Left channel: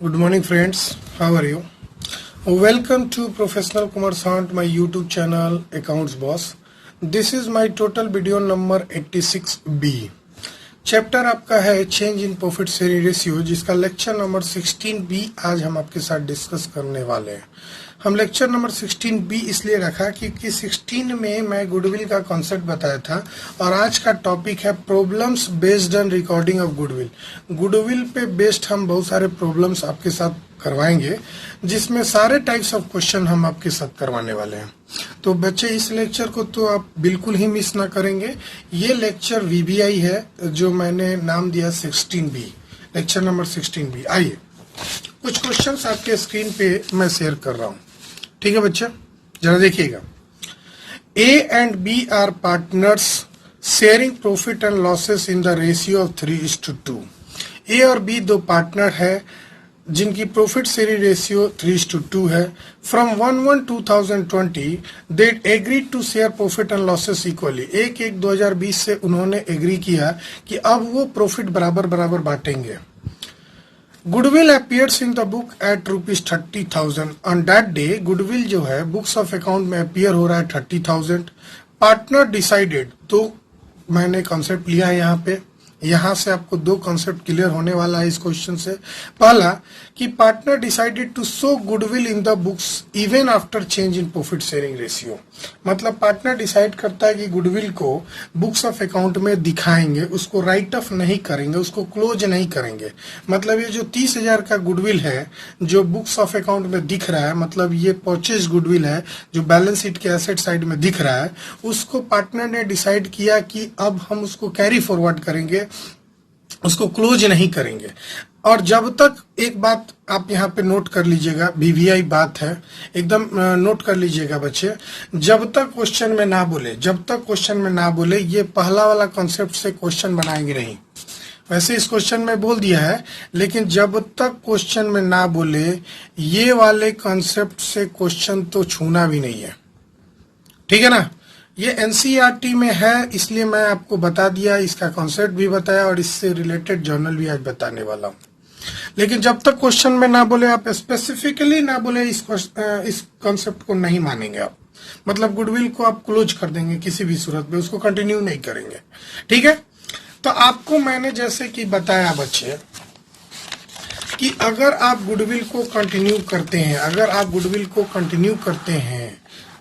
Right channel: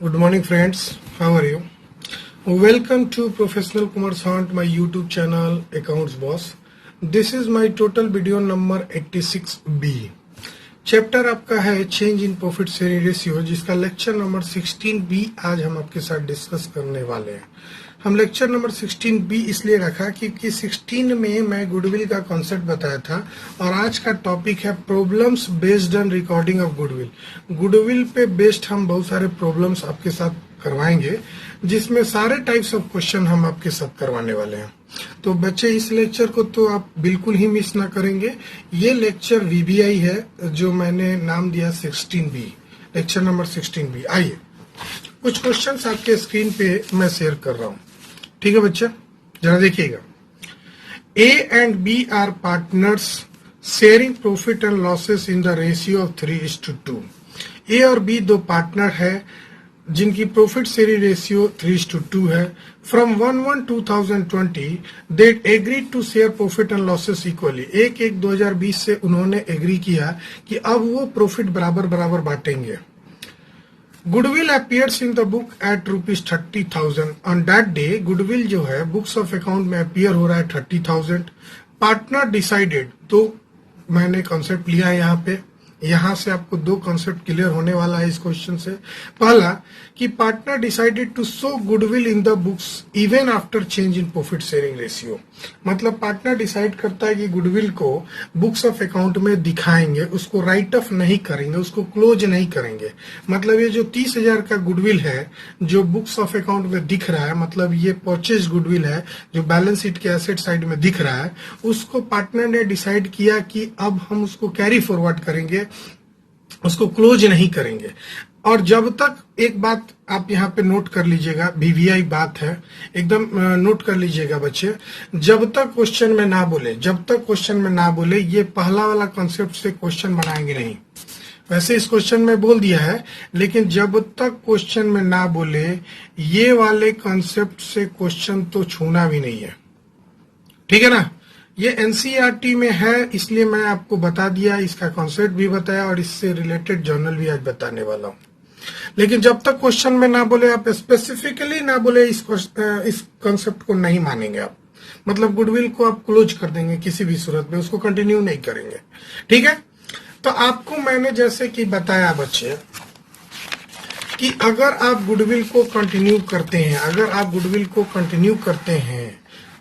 Good morning, friends. How are you? Welcome to Professional Kumar Sant, my YouTube channel, Accounts Boss. This is my total video number 86B. Chapter आपका है change in profit sharing ratio, जिसका lecture number 16B आज हम आपके साथ discuss करने वाले हैं। हम लेक्चर नंबर 16B इसलिए रखा क्योंकि 16 में मैं गुडविल का कॉन्सेप्ट बताया था और आज का टॉपिक है problems based on recording of goodwill. Goodwill पे बेस्ड हम बहुत सारे प्रॉब्लम्स आपके साथ करवाएंगे, जिसमें सारे टाइप्स ऑफ क्वेश्चन हम आपके साथ करवाने वाले हैं। तो बच्चे, इस लेक्चर को तो आप बिल्कुल ही मिस ना करेंगे। ये लेक्चर VBI है जो मैंने नाम दिया 16B, लेक्चर नंबर 16B। आइए कुछ क्वेश्चंस आपके स्क्रीन पे मैं शेयर कर रहा हूँ, ठीक है बच्चे, जरा देखिएगा। A and B are partners sharing profit and losses in the ratio of 3:2। A और B दो पार्टनर है जिनकी प्रॉफिट शेयरिंग रेशियो 3:2 है। From 1/1/2020 they agree to share profit and losses equally. 1/1/2020 से उन्होंने एग्री किया कि अब वो प्रॉफिट बराबर बराबर बांटेंगे। Goodwill appears in the book at ₹30,000। On that day goodwill जो है बुक्स ऑफ अकाउंट में अपीयर हो रहा है 30,000। पार्टनर डिसाइडेड, तो मैंने कॉन्सेप्ट लिया है यहाँ पे। यहां से आपको दो कॉन्सेप्ट क्लियर होने वाला है इस क्वेश्चन से। पहला कि partner decided to show goodwill in the books even after change in profit sharing ratio. मतलब पार्टनर डिसाइड करता है कि गुडविल को बुक्स ऑफ अकाउंट में दिखाएंगे, उसको राइट ऑफ नहीं करेंगे, उसको क्लोज नहीं करेंगे। मतलब ये जो 30,000 का गुडविल है जो बुक्स ऑफ अकाउंट में दिख रहा है, मतलब ये परचेज गुडविल है जो बैलेंस शीट के एसेट साइड में दिख रहा है, उसको पार्टनर ने डिसाइड किया कि अब हम उसको कैरी फॉरवर्ड करेंगे, उसको क्लोज नहीं करेंगे। और जब तक, एक बात आप यहाँ पे नोट कर लीजिएगा, VBI बात है, एकदम नोट कर लीजिएगा बच्चे। जब तक क्वेश्चन में ना बोले, जब तक क्वेश्चन में ना बोले, ये पहला वाला कॉन्सेप्ट से क्वेश्चन बनाएंगे नहीं। वैसे इस क्वेश्चन में बोल दिया है, लेकिन जब तक क्वेश्चन में ना बोले ये वाले कॉन्सेप्ट से क्वेश्चन तो छूना भी नहीं है, ठीक है ना। ये NCERT में है, इसलिए मैं आपको बता दिया, इसका कॉन्सेप्ट भी बताया और इससे रिलेटेड जर्नल भी आज बताने वाला हूँ। लेकिन जब तक क्वेश्चन में ना बोले, आप स्पेसिफिकली ना बोले, इस कॉन्सेप्ट को नहीं मानेंगे आप। मतलब गुडविल को आप क्लोज कर देंगे किसी भी सूरत में, उसको कंटिन्यू नहीं करेंगे, ठीक है। तो आपको मैंने जैसे कि बताया बच्चे कि अगर आप गुडविल को कंटिन्यू करते हैं, अगर आप गुडविल को कंटिन्यू करते हैं,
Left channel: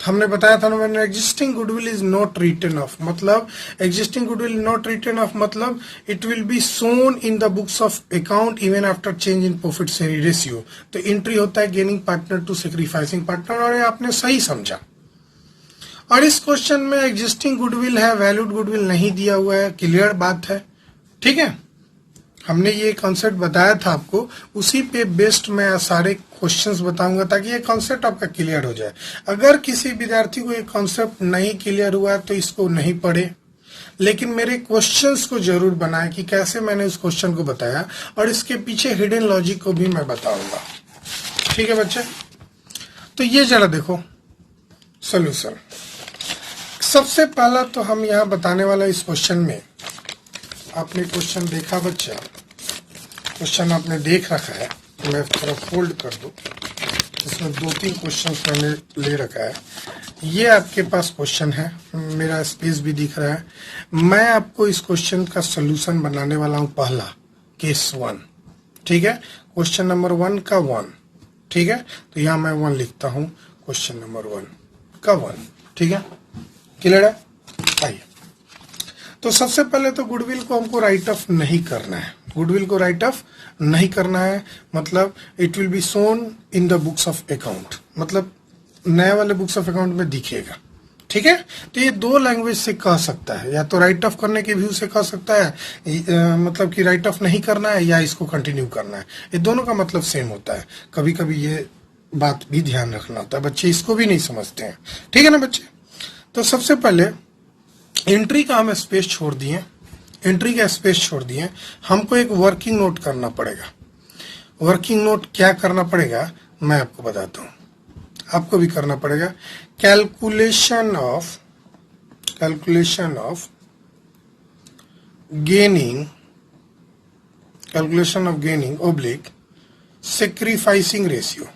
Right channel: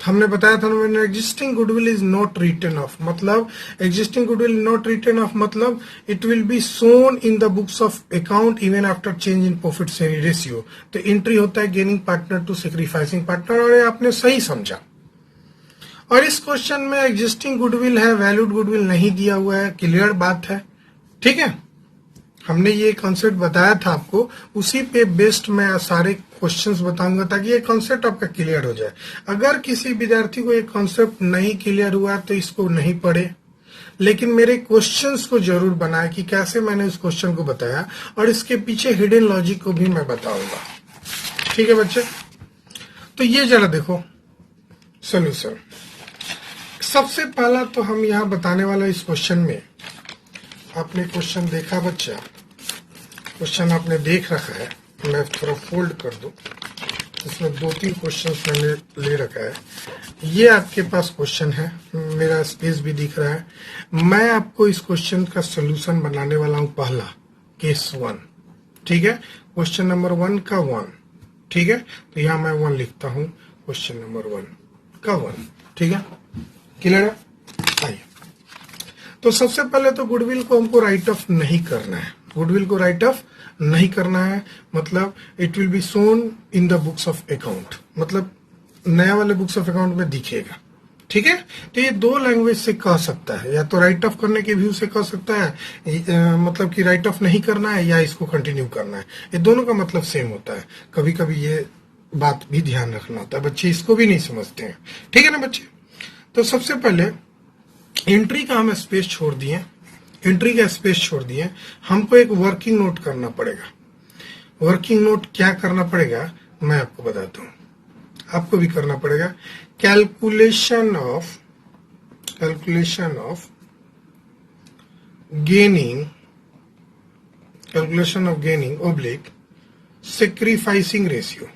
हमने बताया था ना, existing goodwill is not written off. मतलब existing goodwill not written off मतलब it will be shown in the books of account even after change in profit sharing ratio. तो एंट्री होता है gaining partner to sacrificing partner, और आपने सही समझा। और इस क्वेश्चन में एग्जिस्टिंग गुडविल है, वैल्यूड गुडविल नहीं दिया हुआ है, क्लियर बात है, ठीक है। हमने ये कॉन्सेप्ट बताया था आपको, उसी पे बेस्ड मैं सारे क्वेश्चंस बताऊंगा ताकि ये कॉन्सेप्ट आपका क्लियर हो जाए। अगर किसी विद्यार्थी को ये कॉन्सेप्ट नहीं क्लियर हुआ तो इसको नहीं पढ़े, लेकिन मेरे क्वेश्चंस को जरूर बनाए कि कैसे मैंने इस क्वेश्चन को बताया, और इसके पीछे हिडन लॉजिक को भी मैं बताऊंगा, ठीक है बच्चे। तो ये जरा देखो सोल्यूशन। सबसे पहला तो हम यहाँ बताने वाले इस क्वेश्चन में, आपने क्वेश्चन देखा बच्चा, क्वेश्चन आपने देख रखा है, मैं थोड़ा फोल्ड कर दूं, इसमें 2-3 क्वेश्चन मैंने ले रखा है। ये आपके पास क्वेश्चन है, मेरा स्पेस भी दिख रहा है। मैं आपको इस क्वेश्चन का सोल्यूशन बनाने वाला हूँ, पहला केस 1, ठीक है। क्वेश्चन नंबर 1 का 1, ठीक है। तो यहाँ मैं 1 लिखता हूँ, क्वेश्चन नंबर 1 का 1, ठीक है, क्लियर है। आइए, तो सबसे पहले तो गुडविल को हमको राइट ऑफ नहीं करना है। गुडविल को राइट ऑफ नहीं करना है, मतलब it will be shown in the books of account, मतलब नया वाले बुक्स ऑफ अकाउंट में दिखेगा, ठीक है। तो ये 2 लैंग्वेज से कह सकता है, या तो राइट ऑफ करने के व्यू से कह सकता है, मतलब कि राइट ऑफ नहीं करना है या इसको कंटिन्यू करना है। ये दोनों का मतलब सेम होता है। कभी कभी ये बात भी ध्यान रखना होता है, बच्चे इसको भी नहीं समझते हैं, ठीक है ना बच्चे। तो सबसे पहले एंट्री का हम स्पेस छोड़ दिए, एंट्री का स्पेस छोड़ दिए, हमको एक वर्किंग नोट करना पड़ेगा। वर्किंग नोट क्या करना पड़ेगा मैं आपको बताता हूँ, आपको भी करना पड़ेगा। Calculation of gaining, calculation of gaining oblique sacrificing ratio,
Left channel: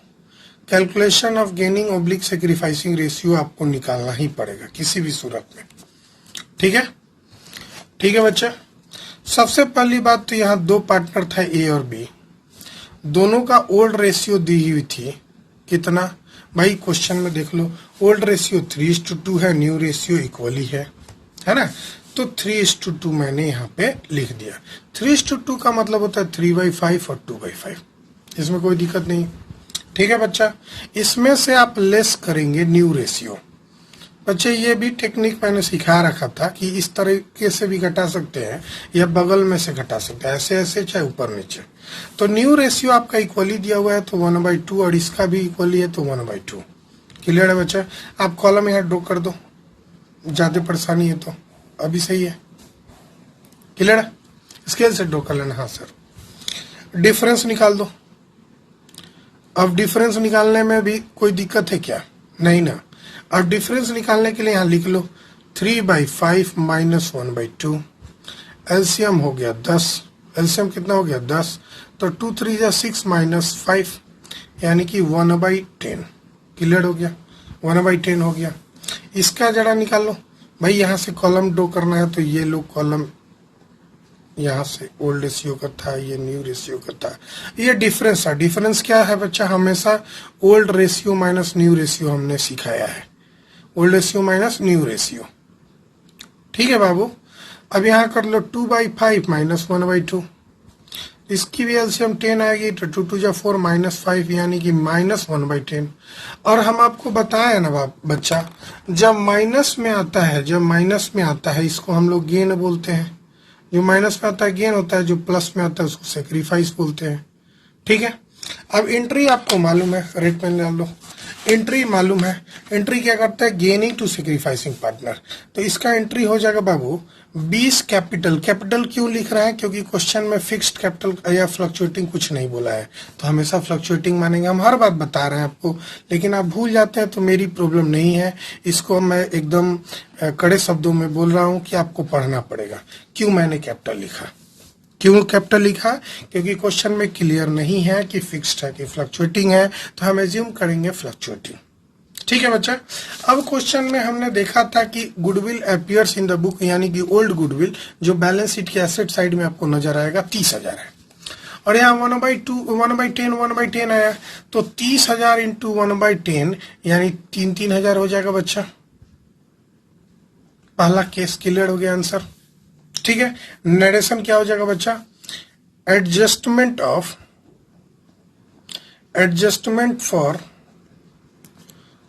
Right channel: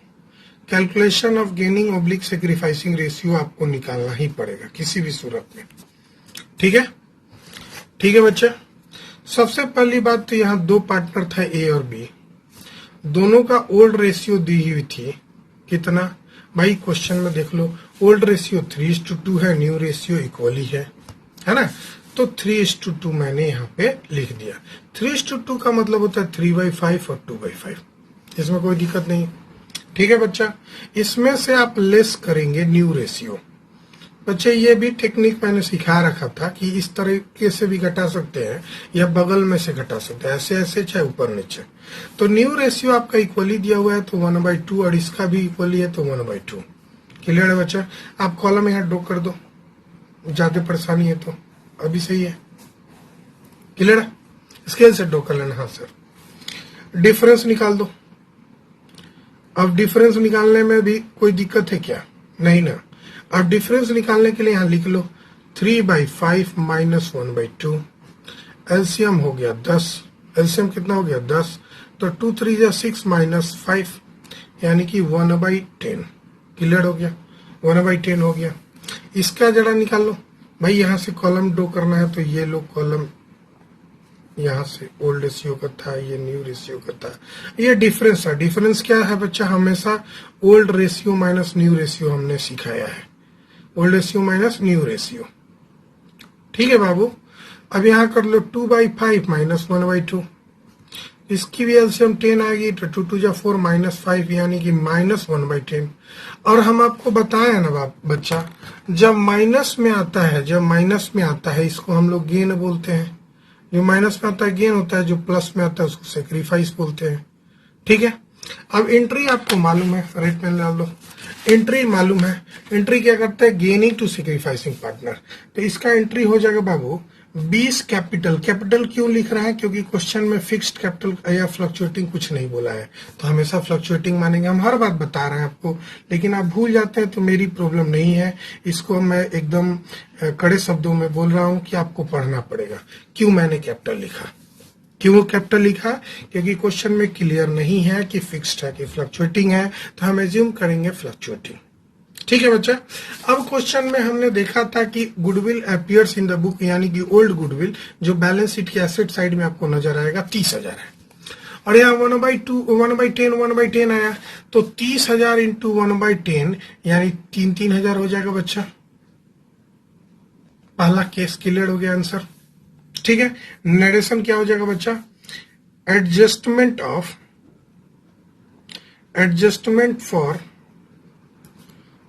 calculation of gaining oblique sacrificing ratio आपको निकालना ही पड़ेगा किसी भी सूरत में। ठीक है, ठीक है बच्चे। सबसे पहली बात तो यहाँ दो पार्टनर था ए और बी, दोनों का ओल्ड रेशियो दी हुई थी। कितना भाई, क्वेश्चन में देख लो, ओल्ड रेशियो 3:2 है, न्यू रेशियो इक्वली है ना। तो 3:2 मैंने यहाँ पे लिख दिया। 3:2 का मतलब होता है 3/5 और 2/5, इसमें कोई दिक्कत नहीं। ठीक है बच्चा, इसमें से आप लेस करेंगे न्यू रेशियो। बच्चे ये भी टेक्निक मैंने सिखा रखा था कि इस तरीके से भी घटा सकते हैं या बगल में से घटा सकते हैं, ऐसे ऐसे चाहे ऊपर नीचे। तो न्यू रेशियो आपका इक्वली दिया हुआ है तो 1/2 और इसका भी इक्वली है तो 1/2। क्लियर है बच्चे? आप कॉलम यहाँ ड्रॉ कर दो, ज्यादा परेशानी है तो अभी सही है। क्लियर है? स्केल से ड्रॉ कर लेना हाथ से। डिफरेंस निकाल दो। अब डिफरेंस निकालने में भी कोई दिक्कत है क्या? नहीं ना। अब डिफरेंस निकालने के लिए यहाँ लिख लो 3/5 माइनस 1/2। एलसीएम हो गया 10। एलसीएम कितना हो गया? 10। तो 2 3 6 माइनस 5 यानी कि 1/10। क्लियर हो गया? 1/10 हो गया। इसका जरा निकाल लो भाई, यहाँ से कॉलम ड्रॉ करना है तो ये लो कॉलम, यहाँ से ओल्ड रेशियो का था, ये न्यू रेशियो का था, ये डिफरेंस है। डिफरेंस क्या है बच्चा? हमेशा old ratio minus new ratio हमने सिखाया है, old ratio minus new ratio. ठीक है बाबू। अब यहाँ कर लो 2/5 माइनस 1/2, इसकी भी एलसीएम 10 आएगी तो 2 2 4 माइनस 5 यानी कि माइनस 1/10। और हम आपको बताया ना बच्चा, जब माइनस में आता है, जब माइनस में आता है इसको हम लोग गेन बोलते हैं। जो माइनस में आता है गेन होता है, जो प्लस में आता है उसको सेक्रीफाइस बोलते हैं। ठीक है। अब एंट्री आपको मालूम है, रेट पेन डाल लो। एंट्री मालूम है, एंट्री क्या करता है? Gaining to sacrificing partner. तो इसका एंट्री हो जाएगा बाबू 20 कैपिटल। कैपिटल क्यों लिख रहे हैं? क्योंकि क्वेश्चन में फिक्स्ड कैपिटल या फ्लक्चुएटिंग कुछ नहीं बोला है, तो हमेशा फ्लक्चुएटिंग मानेंगे। हम हर बात बता रहे हैं आपको, लेकिन आप भूल जाते हैं तो मेरी प्रॉब्लम नहीं है। इसको मैं एकदम कड़े शब्दों में बोल रहा हूं कि आपको पढ़ना पड़ेगा। क्यों मैंने कैपिटल लिखा? क्यों कैपिटल लिखा? क्योंकि क्वेश्चन में क्लियर नहीं है कि फिक्स्ड है कि फ्लक्चुएटिंग है, तो हम एज्यूम करेंगे फ्लक्चुएटिंग। ठीक है बच्चा। अब क्वेश्चन में हमने देखा था कि goodwill appears in the book, यानी कि ओल्ड गुडविल जो बैलेंस शीट के एसेट साइड में आपको नजर आएगा 30,000 है, और यहाँ 1/10 आया, तो 30,000 इंटू 1/10 यानी 3,000 हो जाएगा बच्चा। पहला केस क्लियर हो गया, आंसर। ठीक है। नरेशन क्या हो जाएगा बच्चा? Adjustment for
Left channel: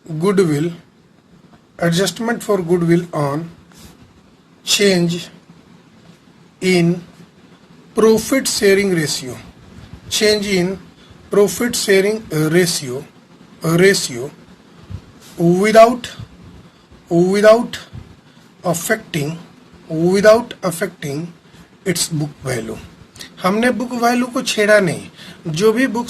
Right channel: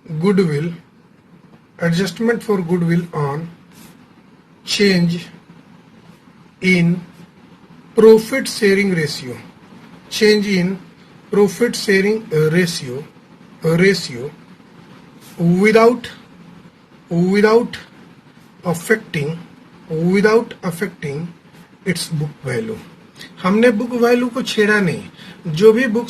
goodwill, adjustment for goodwill on change in profit sharing ratio, change in profit sharing ratio without affecting its book value. हमने बुक वैल्यू को छेड़ा नहीं। जो भी बुक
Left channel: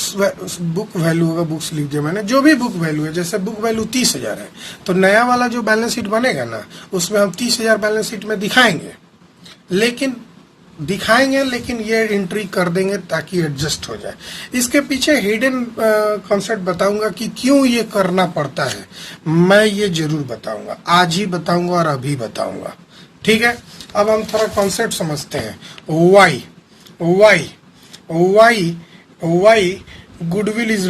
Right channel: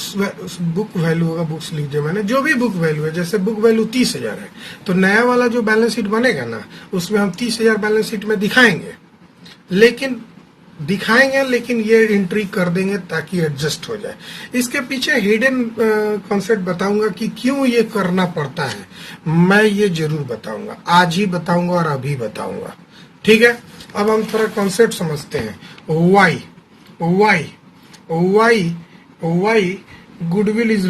वैल्यू होगा, बुक्स लिख दिया मैंने, जो भी बुक वैल्यू है, जैसे बुक वैल्यू 30,000 है तो नया वाला जो बैलेंस शीट बनेगा ना, उसमें हम 30,000 बैलेंस शीट में दिखाएंगे, लेकिन ये एंट्री कर देंगे ताकि एडजस्ट हो जाए। इसके पीछे हिडन कॉन्सेप्ट बताऊंगा कि क्यों ये करना पड़ता है, मैं ये जरूर बताऊंगा, आज ही बताऊंगा और अभी बताऊंगा। ठीक है। अब हम थोड़ा कॉन्सेप्ट समझते हैं। Why goodwill is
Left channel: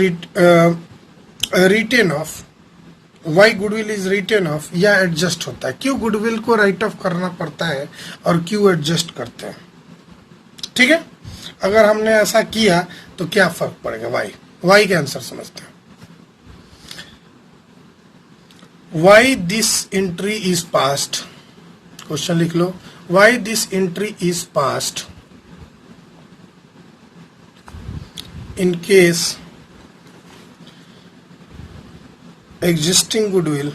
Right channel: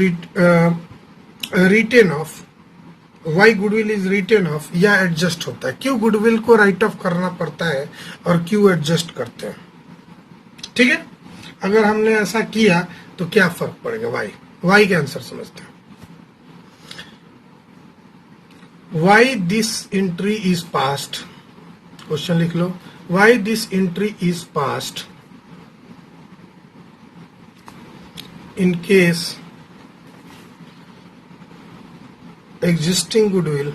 written off, why goodwill is written off या एडजस्ट होता है, क्यों गुडविल को राइट ऑफ करना पड़ता है और क्यों एडजस्ट करते हैं। ठीक है। अगर हमने ऐसा किया तो क्या फर्क पड़ेगा? वाई का आंसर समझते हैं। Why this entry is passed, question लिख लो। Why this entry is passed in case existing goodwill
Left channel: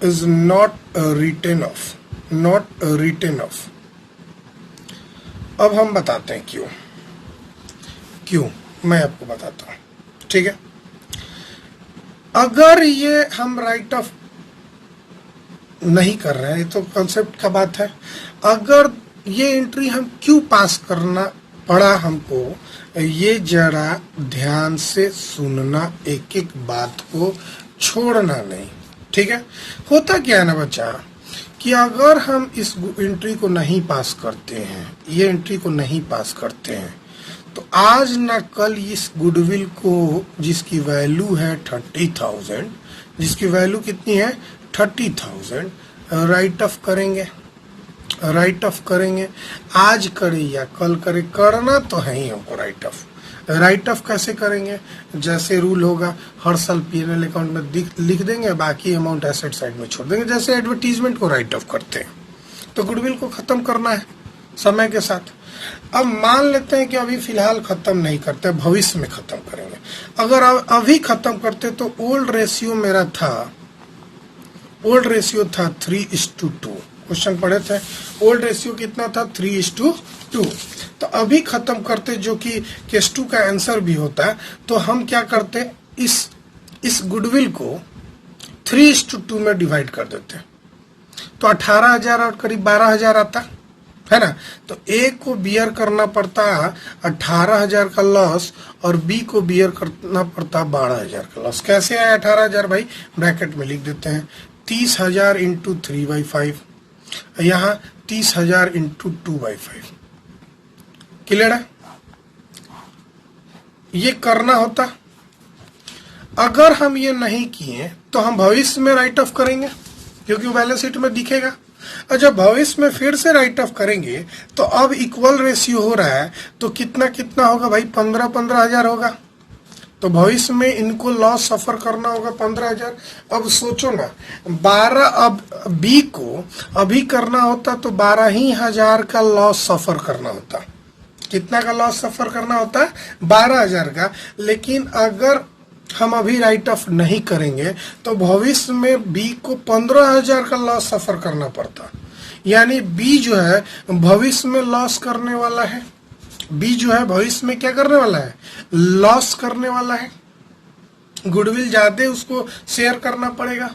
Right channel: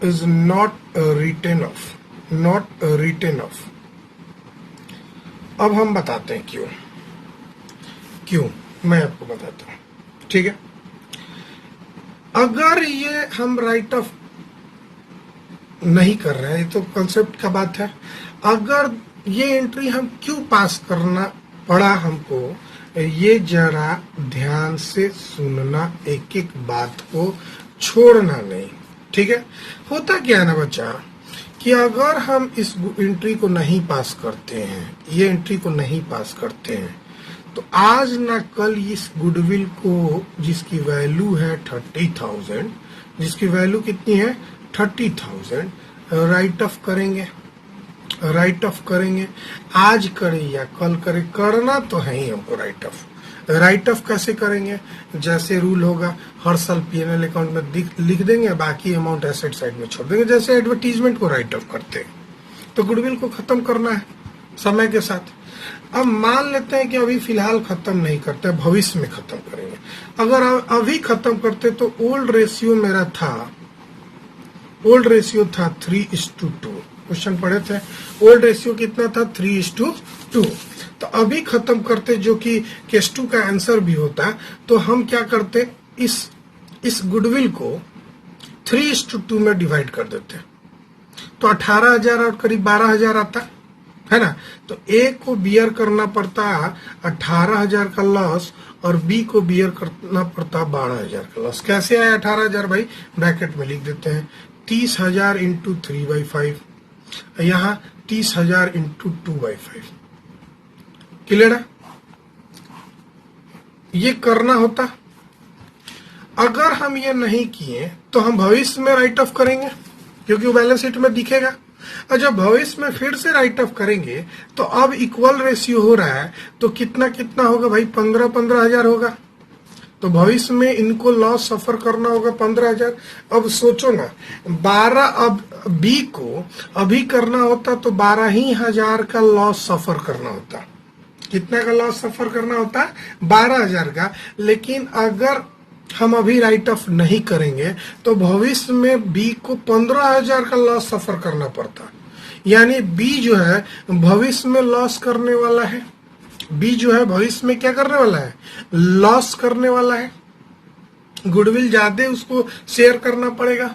is not written off. अब हम बताते हैं क्यों मैं आपको बताता हूं। ठीक है। अगर ये हम राइट ऑफ नहीं कर रहे हैं, तो कॉन्सेप्ट का बात है, अगर ये एंट्री हम क्यों पास करना पड़ा हमको, ये जरा ध्यान से सुनना, एक एक बात को छोड़ना नहीं, ठीक है। होता क्या है ना बच्चा कि अगर हम इस एंट्री को नहीं पास करते हैं, ये एंट्री को नहीं पास करते हैं, तो आज ना कल इस गुडविल को, जिसकी वैल्यू है 30,000, जिसकी वैल्यू कितनी है 30,000, राइट ऑफ करेंगे, राइट ऑफ करेंगे। आज करे या कल करे, करना तो है ही हमको राइट ऑफ। राइट ऑफ कैसे करेंगे, जैसे रूल होगा हर साल पीएनएल अकाउंट में लिख देंगे, बाकी अमाउंट एसेट साइड में छोड़ देंगे, जैसे एडवर्टीजमेंट को राइट ऑफ करते हैं। तो गुडविल को खत्म करना है समय के साथ। अब मान लेते हैं कि अभी फिलहाल खत्म नहीं करते, भविष्य में खत्म करेंगे। अगर अभी खत्म करते तो ओल्ड रेशियो मेरा था, ओल्ड रेशियो था 3:2, क्वेश्चन पढ़े थे। ओल्ड रेशियो कितना था 3:2। तो अभी खत्म करते, जो कि केस 2 का आंसर भी होता, तो हम क्या करते, इस गुडविल को 3:2 में डिवाइड कर देते, तो 18,000 और करीब 12,000 आता है ना। तो ए को बियर करना पड़ता 18,000 का लॉस और बी को बियर करना पड़ता 12,000 का लॉस। कैसे आया 18,000 भाई, ब्रैकेट में लिख देते हैं 30,000 इंटू 3/5, यहाँ 30,000 इंटू 2/5। क्लियर है, ये करना होता। अगर हम ये नहीं किए तो हम भविष्य में राइट ऑफ करेंगे, क्योंकि वो बैलेंस शीट में दिखेगा। और जब भविष्य में फिर से राइट ऑफ करेंगे तो अब इक्वल रेशियो हो रहा है, तो कितना कितना होगा भाई, 15,000 होगा। तो भविष्य में इनको लॉस सफर करना होगा 15,000। अब सोचो ना, 12, अब बी को अभी करना होता तो 12,000 का लॉस सफर करना होता। कितना का लॉस सफर करना होता है, 12,000 का। लेकिन अगर हम अभी राइट ऑफ नहीं करेंगे तो भविष्य में बी को 15,000 का लॉस सफर करना पड़ता। यानी बी जो है भविष्य में लॉस करने वाला है, बी जो है भविष्य में क्या करने वाला है, लॉस करने वाला है। गुडविल ज्यादा उसको शेयर करना पड़ेगा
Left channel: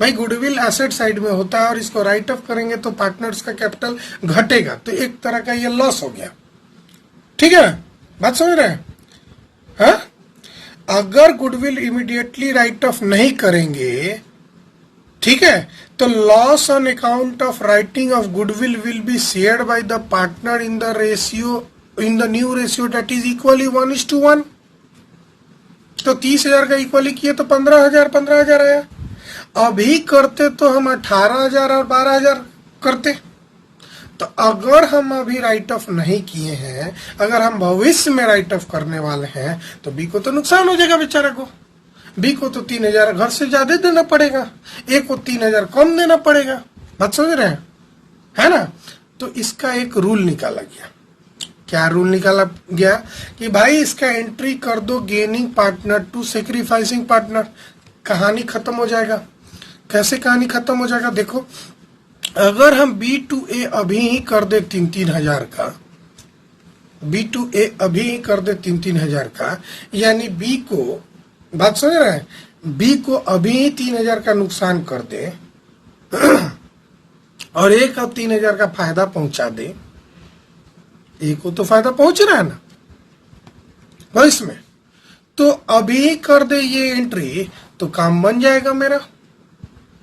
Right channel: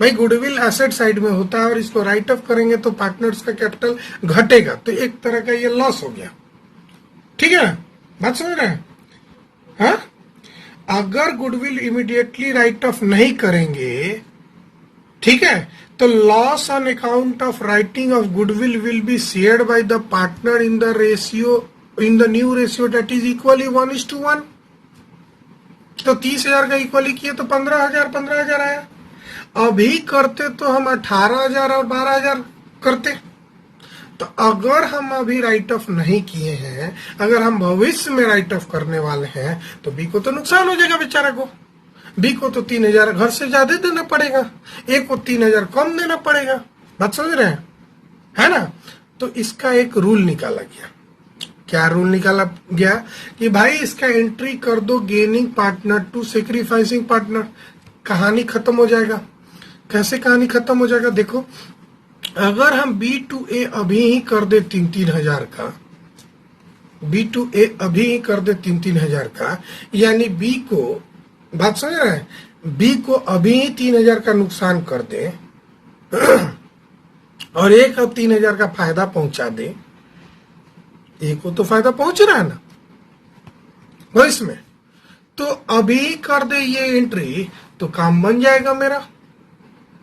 भाई। गुडविल एसेट साइड में होता है और इसको राइट ऑफ करेंगे तो पार्टनर्स का कैपिटल घटेगा, तो एक तरह का ये लॉस हो गया। ठीक है, बात समझ रहे हैं? हाँ? अगर गुडविल इमीडिएटली राइट ऑफ नहीं करेंगे, ठीक है, तो loss on account of writing of goodwill will be shared by the partner in the ratio, in the new ratio that is equally 1:1। तो 30,000 का इक्वली किए तो 15,000 आया। अभी करते तो हम 18,000 और 12,000 करते। तो अगर हम अभी राइट ऑफ नहीं किए हैं, अगर हम भविष्य में राइट ऑफ करने वाले हैं, तो बी को तो नुकसान हो जाएगा बेचारा को। बी को तो 3,000 घर से ज्यादा देना पड़ेगा, ए को 3,000 कम देना पड़ेगा। बात समझ रहे हैं, है ना? तो इसका एक रूल निकाला गया। क्या रूल निकाला गया कि भाई इसका एंट्री कर दो gaining partner to sacrificing partner, कहानी खत्म हो जाएगा। कैसे कहानी खत्म हो जाएगा, देखो, अगर हम बी टू ए अभी ही कर दे 3,000 का, बी टू ए अभी ही कर दे 3,000 का, यानी बी को, बात समझ रहे हैं, बी को अभी ही 3,000 का नुकसान कर दे और ए का 3,000 का फायदा पहुंचा दे, ए को तो फायदा पहुंच रहा है ना भविष्य में, तो अभी कर दे ये एंट्री तो काम बन जाएगा मेरा।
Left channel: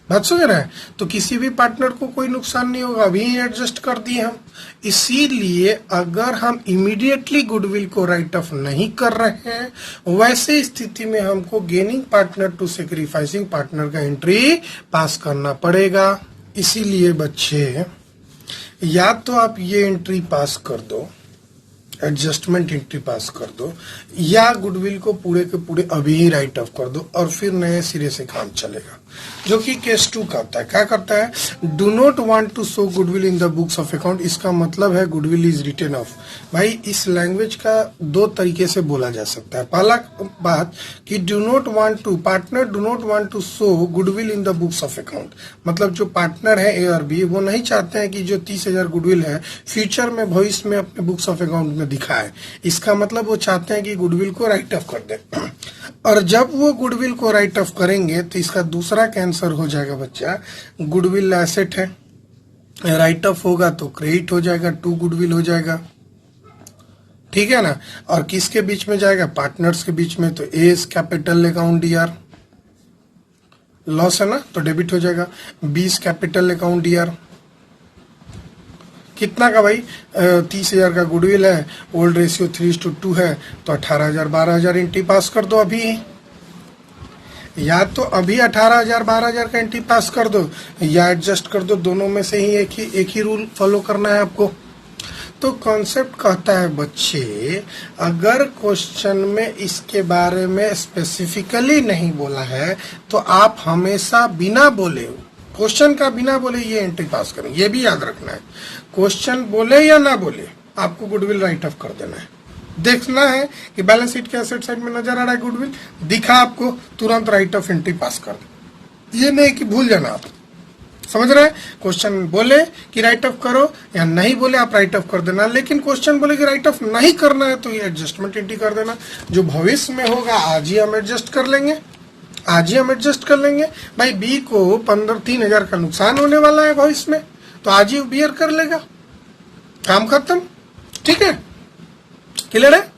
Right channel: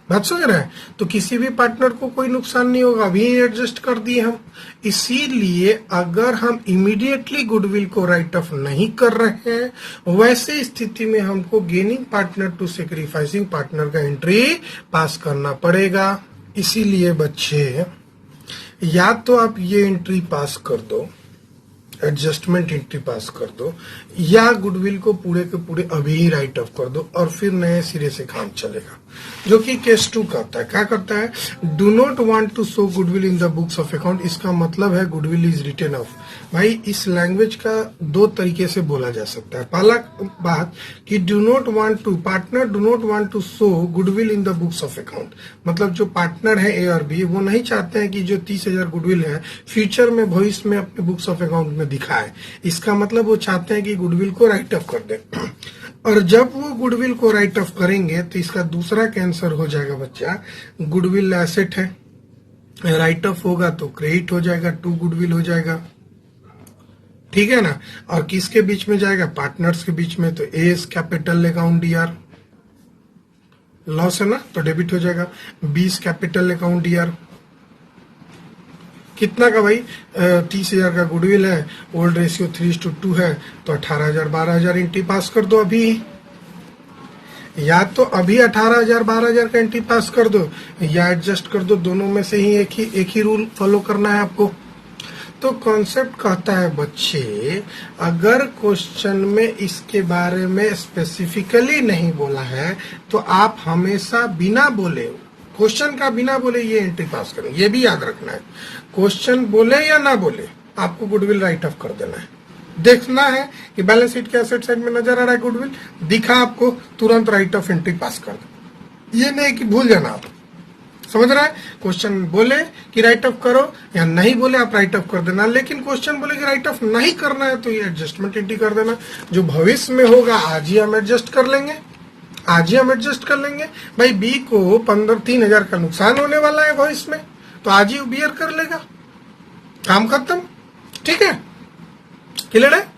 बात समझ रहे हैं? तो किसी भी पार्टनर को कोई नुकसान नहीं होगा, अभी एडजस्ट कर दिए हम। इसीलिए अगर हम इमीडिएटली गुडविल को राइट ऑफ नहीं कर रहे हैं, वैसे स्थिति में हमको gaining partner to sacrificing partner का एंट्री पास करना पड़ेगा। इसीलिए बच्चे, या तो आप ये एंट्री पास कर दो, एडजस्टमेंट एंट्री पास कर दो, या गुडविल को पूरे के पूरे अभी ही राइट ऑफ कर दो और फिर नए सिरे से काम चलेगा, जो कि केस 2 करता है। क्या करता है, do not want to show goodwill in the books of account. इसका मतलब है गुडविल इज रिटन ऑफ। भाई इस लैंग्वेज का 2 तरीके से बोला जा सकता है। पहला बात कि do not want to, partner do not want to show goodwill in the books of account, मतलब जो पार्टनर है ए और बी, वो नहीं चाहते हैं कि जो 30,000 गुडविल है फ्यूचर में भविष्य में अपने बुक्स ऑफ अकाउंट में दिखाए। इसका मतलब वो चाहते हैं कि गुडविल को राइट ऑफ कर दे, और जब वो गुडविल को राइट ऑफ करेंगे तो इसका दूसरा कैंसर हो जाएगा बच्चा, गुडविल एसेट है, राइट ऑफ होगा तो क्रेडिट हो जाएगा, टू गुडविल हो जाएगा, ठीक है ना। और किसके बीच में जाएगा, पार्टनर्स के बीच में, तो A is capital account D R, loss है ना तो डेबिट हो जाएगा। B is capital account D R, कितना का भाई 30,000 का गुडविल है, ओल्ड रेशियो 3:2 है, तो 18,000 12,000 एंट्री पास कर दो अभी, या तो अभी 18,000 12,000 का एंट्री पास कर दो, या एडजस्ट कर दो, दोनों में से ही एक ही रूल फॉलो करना है आपको। तो कॉन्सेप्ट कहता है बच्चे, अगर क्वेश्चन में इसके बारे में स्पेसिफिकली नहीं बोला है तो आप हमेशा बिना बोले, क्वेश्चन का बिना बोले ये एंट्री पास करो, ये भी याद रखना है। क्वेश्चन बोले या ना बोले आपको गुडविल राइट ऑफ कर देना है। देखना है कि बैलेंस शीट के एसेट साइड में नजर आ रहा है गुडविल, दिखा आपको, तुरंत राइट ऑफ एंट्री पास कर दो। ये नहीं कि भूल जाना आप, समझ रहे हैं। क्वेश्चन बोले कि राइट ऑफ करो या नहीं बोले आप राइट ऑफ कर देना, लेकिन क्वेश्चन बोले कि राइट ऑफ नहीं करना है तो ये एडजस्टमेंट एंट्री कर देना। जो भविष्य में होगा आज ही हम एडजस्ट कर लेंगे, आज ही हम एडजस्ट कर लेंगे। भाई बी को 3,000 का नुकसान होने वाला है भविष्य में, तो आज ही बियर कर लेगा, काम खत्म, ठीक है, क्लियर है।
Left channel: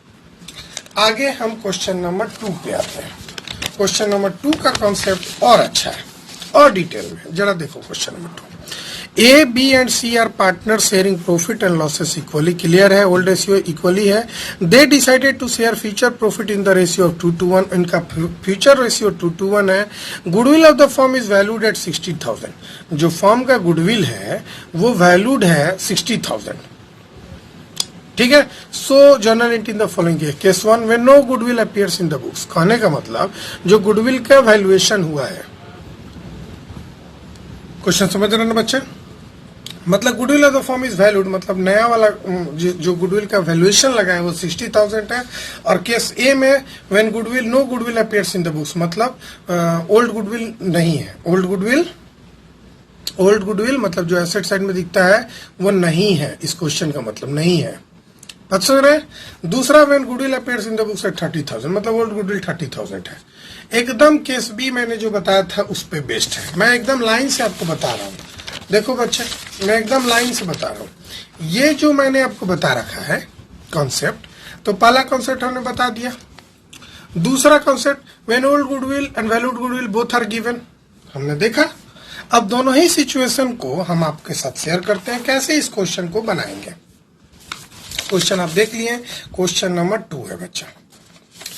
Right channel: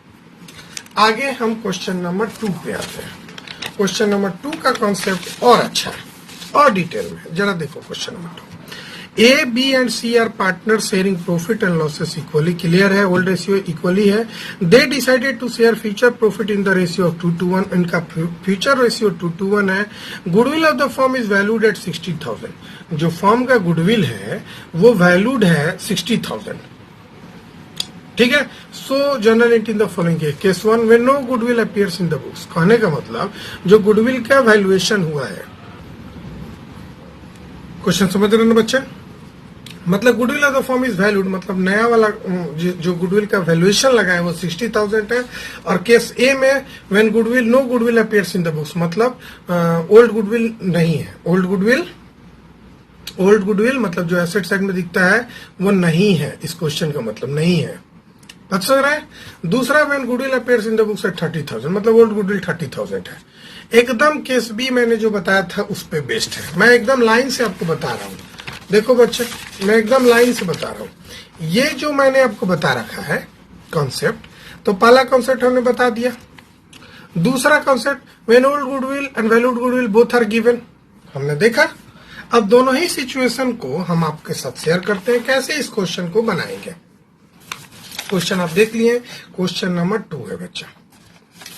आगे हम क्वेश्चन नंबर 2 पे आते हैं। क्वेश्चन नंबर 2 का कॉन्सेप्ट और अच्छा है और डिटेल में, जरा देखो question number 2। A B and C are partner sharing profit and losses equally, clear है, ओल्ड रेशियो इक्वली है। They decided to share future profit in the ratio of 2:1, इनका फ्यूचर रेशियो 2:1 है। Goodwill of the firm is valued at 60,000, जो firm का goodwill है वो valued है 60,000, ठीक है। So general entry in the following case 1 when no goodwill appears in the books, कहने का मतलब जो गुडविल का वैल्यूएशन हुआ है, क्वेश्चन समझ रहे हैं बच्चे, मतलब goodwill of the firm is valued, मतलब नया वाला जो गुडविल का वैल्यूएशन लगा है वो 60,000 है। और केस ए में when goodwill no goodwill appears in the books, मतलब ओल्ड गुडविल नहीं है, ओल्ड गुडविल मतलब जो एसेट साइड में दिखता है वो नहीं है, इस क्वेश्चन का मतलब नहीं है, बात समझ रहे हैं। दूसरा when goodwill appears in the books at 30,000, मतलब ओल्ड गुडविल 30,000 है। एकदम केस बी मैंने जो बताया था उस पे बेस्ड है, मैं एकदम लाइन से आपको बता रहा हूँ। देखो बच्चे, मैं एकदम लाइन से बता रहा हूँ, ये जो मैंने आपको बता रखा है कॉन्सेप्ट, तो पहला कॉन्सेप्ट हमने बता दिया। दूसरा concept when old goodwill and valued goodwill both are given, हमने देखा। अब दोनों ही सिचुएशन को हम आपके साथ शेयर करते हैं, कैसे इस क्वेश्चन को बनाएंगे। क्वेश्चन आप देख लिए, क्वेश्चन नंबर 2 है बच्चा,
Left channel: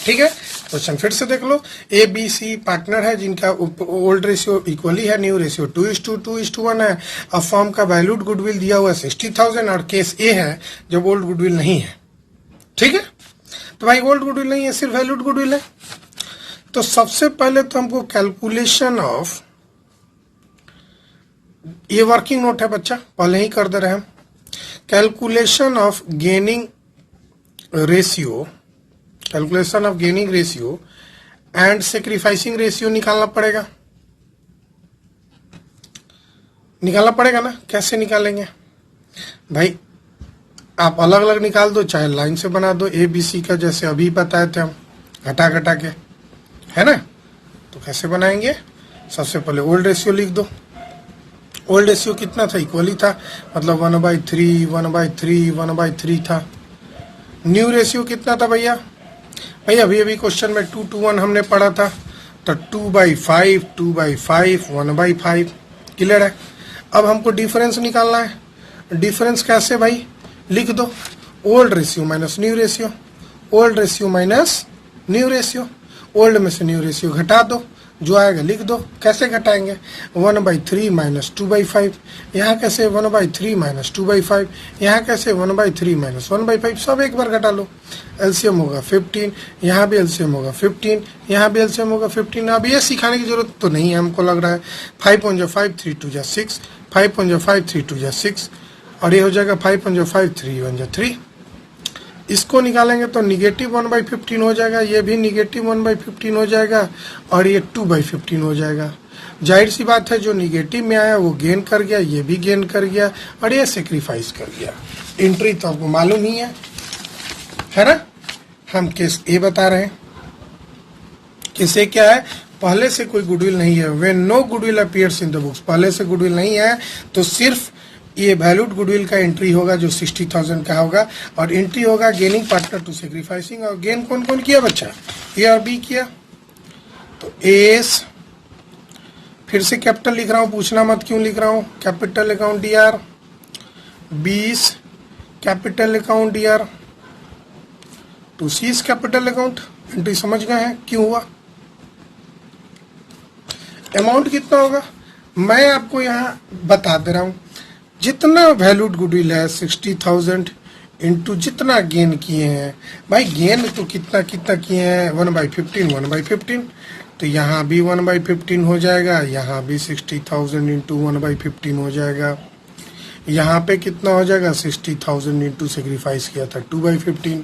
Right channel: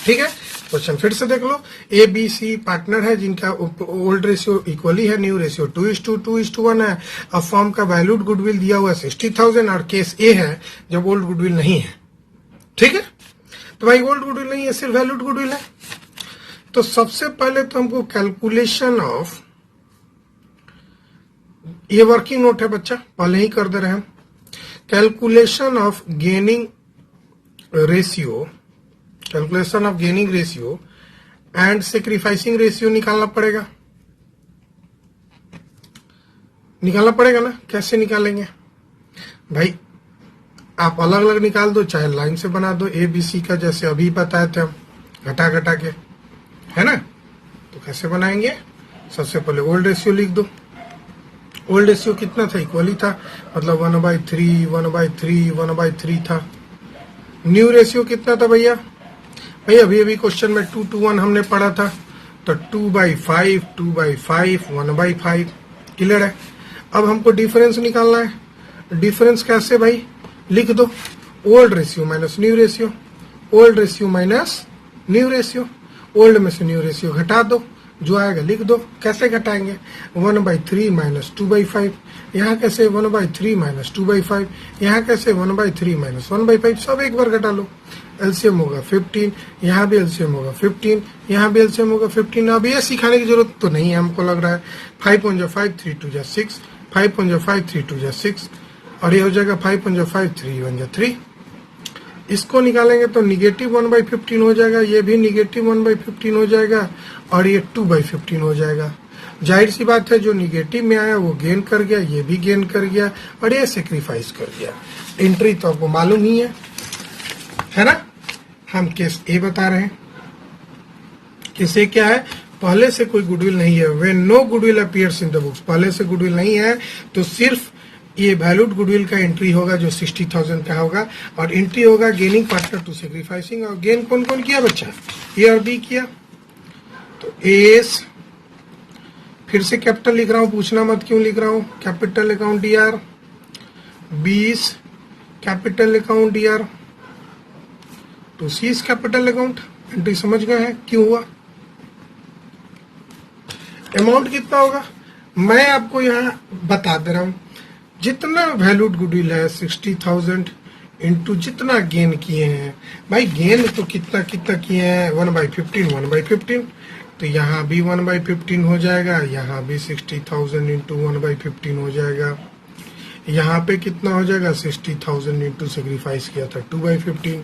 ठीक है। क्वेश्चन फिर से देख लो, ए बी सी पार्टनर है जिनका ओल्ड रेशियो इक्वली है, न्यू रेशियो 2:1 है। अब फर्म का वैल्यूड गुडविल दिया हुआ 60,000 और केस ए है जब ओल्ड गुडविल नहीं है, ठीक है। तो भाई ओल्ड गुडविल नहीं है, सिर्फ वैल्यूड गुडविल है। तो सबसे पहले तो हमको कैलकुलेशन ऑफ, ये वर्किंग नोट है बच्चा, पहले ही कर दे रहे हैं, calculation of gaining ratio, calculation of gaining ratio and sacrificing ratio निकालना पड़ेगा ना। कैसे निकालेंगे भाई, आप अलग अलग निकाल दो, चाहे लाइन से बना दो, ए बी सी का जैसे अभी बताए थे हम, घटा के, है ना। तो कैसे बनाएंगे, सबसे पहले ओल्ड रेशियो लिख दो। ओल्ड रेशियो कितना था, इक्वली था, मतलब 1/3 था। न्यू रेशियो कितना था भैया, अभी क्वेश्चन में 2:1 हमने पढ़ा था, तो 2/5 1/5, क्लियर है। अब हमको डिफरेंस निकालना है। डिफरेंस कैसे भाई, लिख दो old ratio minus new ratio, old ratio minus new ratio, old में से न्यू रेशियो घटा दो, जो आएगा लिख दो। कैसे घटाएंगे, 1/3 माइनस 2/5, यहाँ कैसे 1/3 माइनस 2/5, यहाँ कैसे 1/3 माइनस 1/5, सब एक बार घटा लो। एलसीएम होगा 15, यहाँ भी एलसीएम होगा 15, यहाँ भी एलसीएम होगा 15। अब ये सिखाने की जरूरत तो नहीं है हमको लग रहा है। 5 3 2 6, 5 5 3 2 6, और ये हो जाएगा 5 5 3 1 3। इसको निकालेंगे तो निगेटिव 1/15 हो जाएगा, ये भी निगेटिव 1/15 हो जाएगा, और ये 2/15 हो जाएगा। जाहिर सी बात है, जो निगेटिव में आया वो गेन कर गया, ये भी गेन कर गया, और ये सेक्रीफाइस कर गया। एंट्री तो आपको मालूम ही है ना। हम केस ए बता रहे हैं, केस ए क्या है, पहले से कोई गुडविल नहीं है। When no goodwill appears in the books, पहले से गुडविल नहीं है तो सिर्फ ये वैल्यूड गुडविल का एंट्री होगा जो 60,000 का होगा, और एंट्री होगा गेनिंग पार्टनर टू सेक्रीफाइसिंग। और गेन कौन कौन किया बच्चा? ए और बी किया। तो एस, फिर से कैपिटल लिख रहा हूं, पूछना मत क्यों लिख रहा हूं। Capital account D R, 20 capital account D R to C's capital account. Entry समझ गए हैं क्यों हुआ? अमाउंट कितना होगा मैं आपको यहाँ बता दे रहा हूं। जितना वैल्यूड गुडविल है 60,000 इंटू जितना गेन किए हैं भाई, गेन तो कितना कितना किए हैं 1/15, 1/15। तो यहाँ भी 1/15 हो जाएगा, यहाँ भी 60,000 इंटू 1/15 हो जाएगा। यहाँ पे कितना हो जाएगा 60,000 इंटू सेक्रीफाइस किया था 2/15।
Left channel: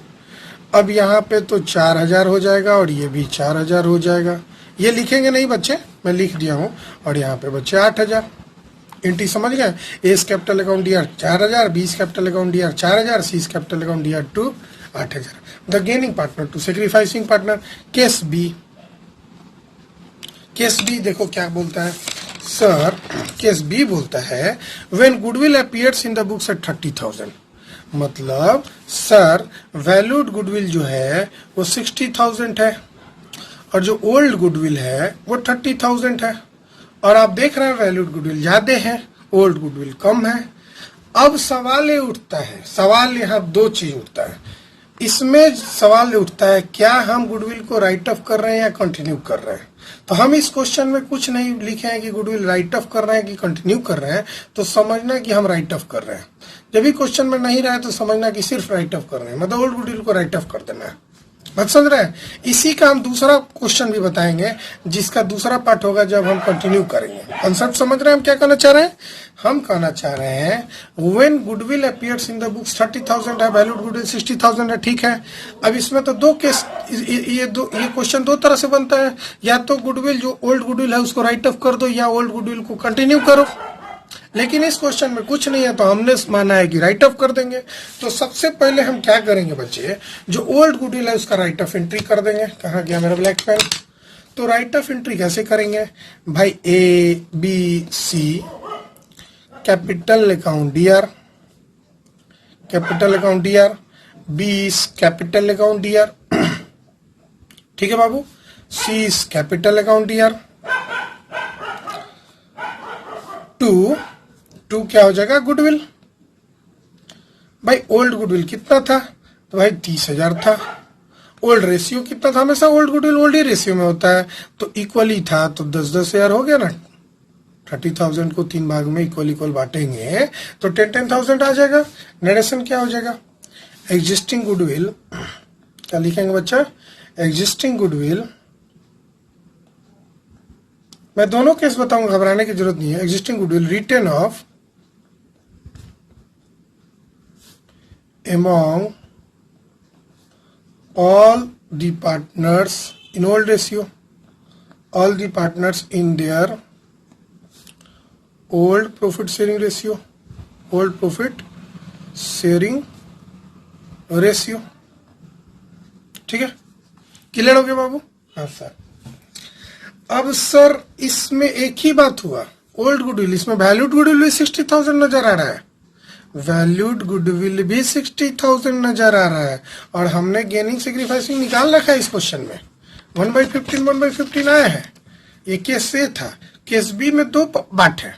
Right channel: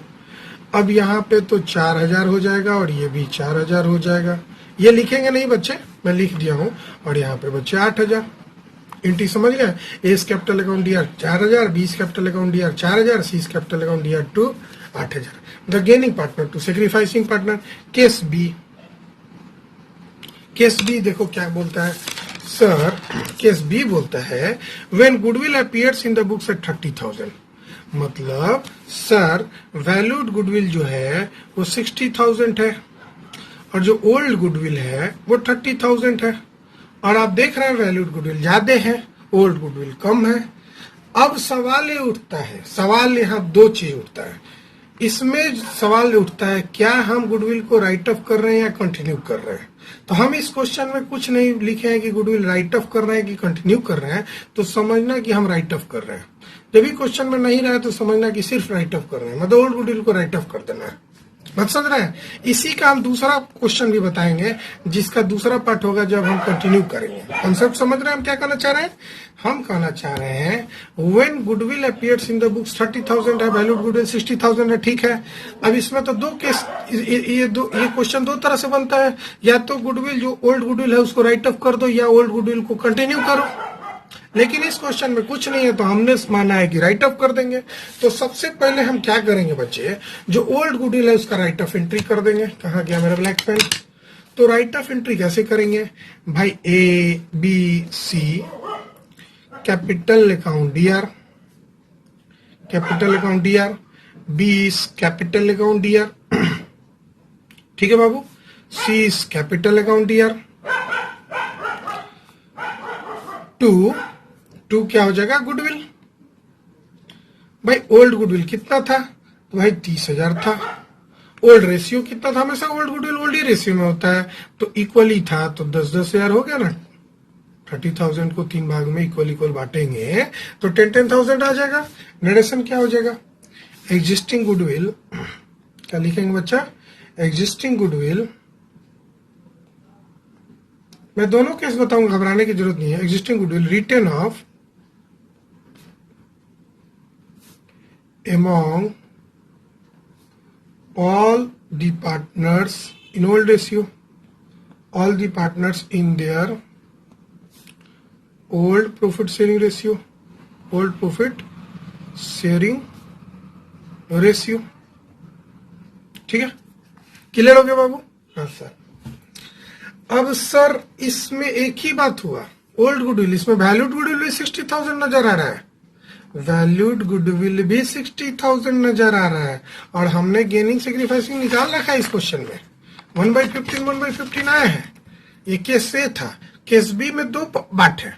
अब यहाँ पे तो 4,000 हो जाएगा और ये भी 4,000 हो जाएगा। ये लिखेंगे नहीं बच्चे, मैं लिख दिया हूँ। और यहाँ पे बच्चे 8,000। एंट्री समझ गए? A's capital account D R 4,000, B's capital account D R 4,000, C's capital account D R to 8,000। The gaining partner to sacrificing partner. Case B, case B देखो क्या बोलता है सर। केस बी बोलता है when goodwill appears in the books at 30,000। मतलब sir valued goodwill जो है वो 60,000 है और जो ओल्ड गुडविल है वो 30,000 है। और आप देख रहे हैं वैल्यूड गुडविल ज्यादा है, ओल्ड गुडविल कम है। अब सवाल ये उठता है, सवाल यहाँ दो चीज उठता है इसमें। सवाल ये उठता है क्या हम गुडविल को राइट ऑफ कर रहे हैं या कंटिन्यू कर रहे हैं। तो हम इस क्वेश्चन में कुछ नहीं लिखे हैं कि गुडविल राइट ऑफ कर रहे हैं कि कंटिन्यू कर रहे हैं, तो समझना कि हम राइट ऑफ कर रहे हैं। जब भी क्वेश्चन में नहीं रहे तो समझना कि सिर्फ राइट ऑफ कर रहे हैं, मतलब ओल्ड गुडविल को राइट ऑफ कर देना है। बात समझ रहे हैं? इसी का हम दूसरा क्वेश्चन भी बताएंगे जिसका दूसरा पार्ट होगा जब हम कंटिन्यू करेंगे। कंसेप्ट समझ रहे हैं हम क्या कहना चाह रहे हैं? हम कहना चाह रहे हैं when goodwill appears in the books 30,000 है, वैल्यूड गुडविल 60,000 है, ठीक है। अब इसमें तो दो केस, ये क्वेश्चन दो तरह से बनता है। या तो गुडविल जो ओल्ड गुडविल है उसको राइट ऑफ कर दो, या ओल्ड गुडविल को कंटिन्यू करो। लेकिन इस क्वेश्चन में कुछ नहीं है तो हमने माना है कि राइट ऑफ कर देंगे। तो सबसे पहले हम क्या करेंगे बच्चे, जो ओल्ड गुडविल है उसका राइट ऑफ एंट्री कर देंगे। कहाँ गया हमारे ब्लैक पेन? तो राइट ऑफ एंट्री कैसे करेंगे भाई? A B C capital account D R, capital account D R, 20 capital account D R, ठीक है बाबू। C capital account D R to क्या हो जाएगा गुडविल। भाई ओल्ड गुडविल कितना था? तो भाई 30,000 था। ओल्ड रेशियो कितना था? हमेशा ओल्ड गुडविल ओल्ड ही रेशियो में होता है, तो इक्वली था तो 10,000 हो गया ना। 30,000 को 3 भाग में इक्वल बांटेंगे तो 10,000 आ जाएगा। नरेशन क्या हो जाएगा? एग्जिस्टिंग गुडविल, क्या लिखेंगे बच्चा? एग्जिस्टिंग गुडविल, मैं दोनों केस बताऊंगा, घबराने की जरूरत नहीं है। Existing goodwill written of among all the partners in old ratio, all the partners in their old profit sharing ratio, old profit sharing ratio, ठीक है। क्लियर हो गया बाबू? हाँ सर। अब सर इसमें एक ही बात हुआ, ओल्ड गुडविल, इसमें वैल्यूड गुडविल भी 60,000 नजर आ रहा है, वैल्यूड गुडविल भी 60,000 नजर आ रहा है। और हमने गेनिंग सेक्रीफाइसिंग निकाल रखा है इस क्वेश्चन में, 1/15 आया है। ये केस ए था। केस बी में दो पार्ट है,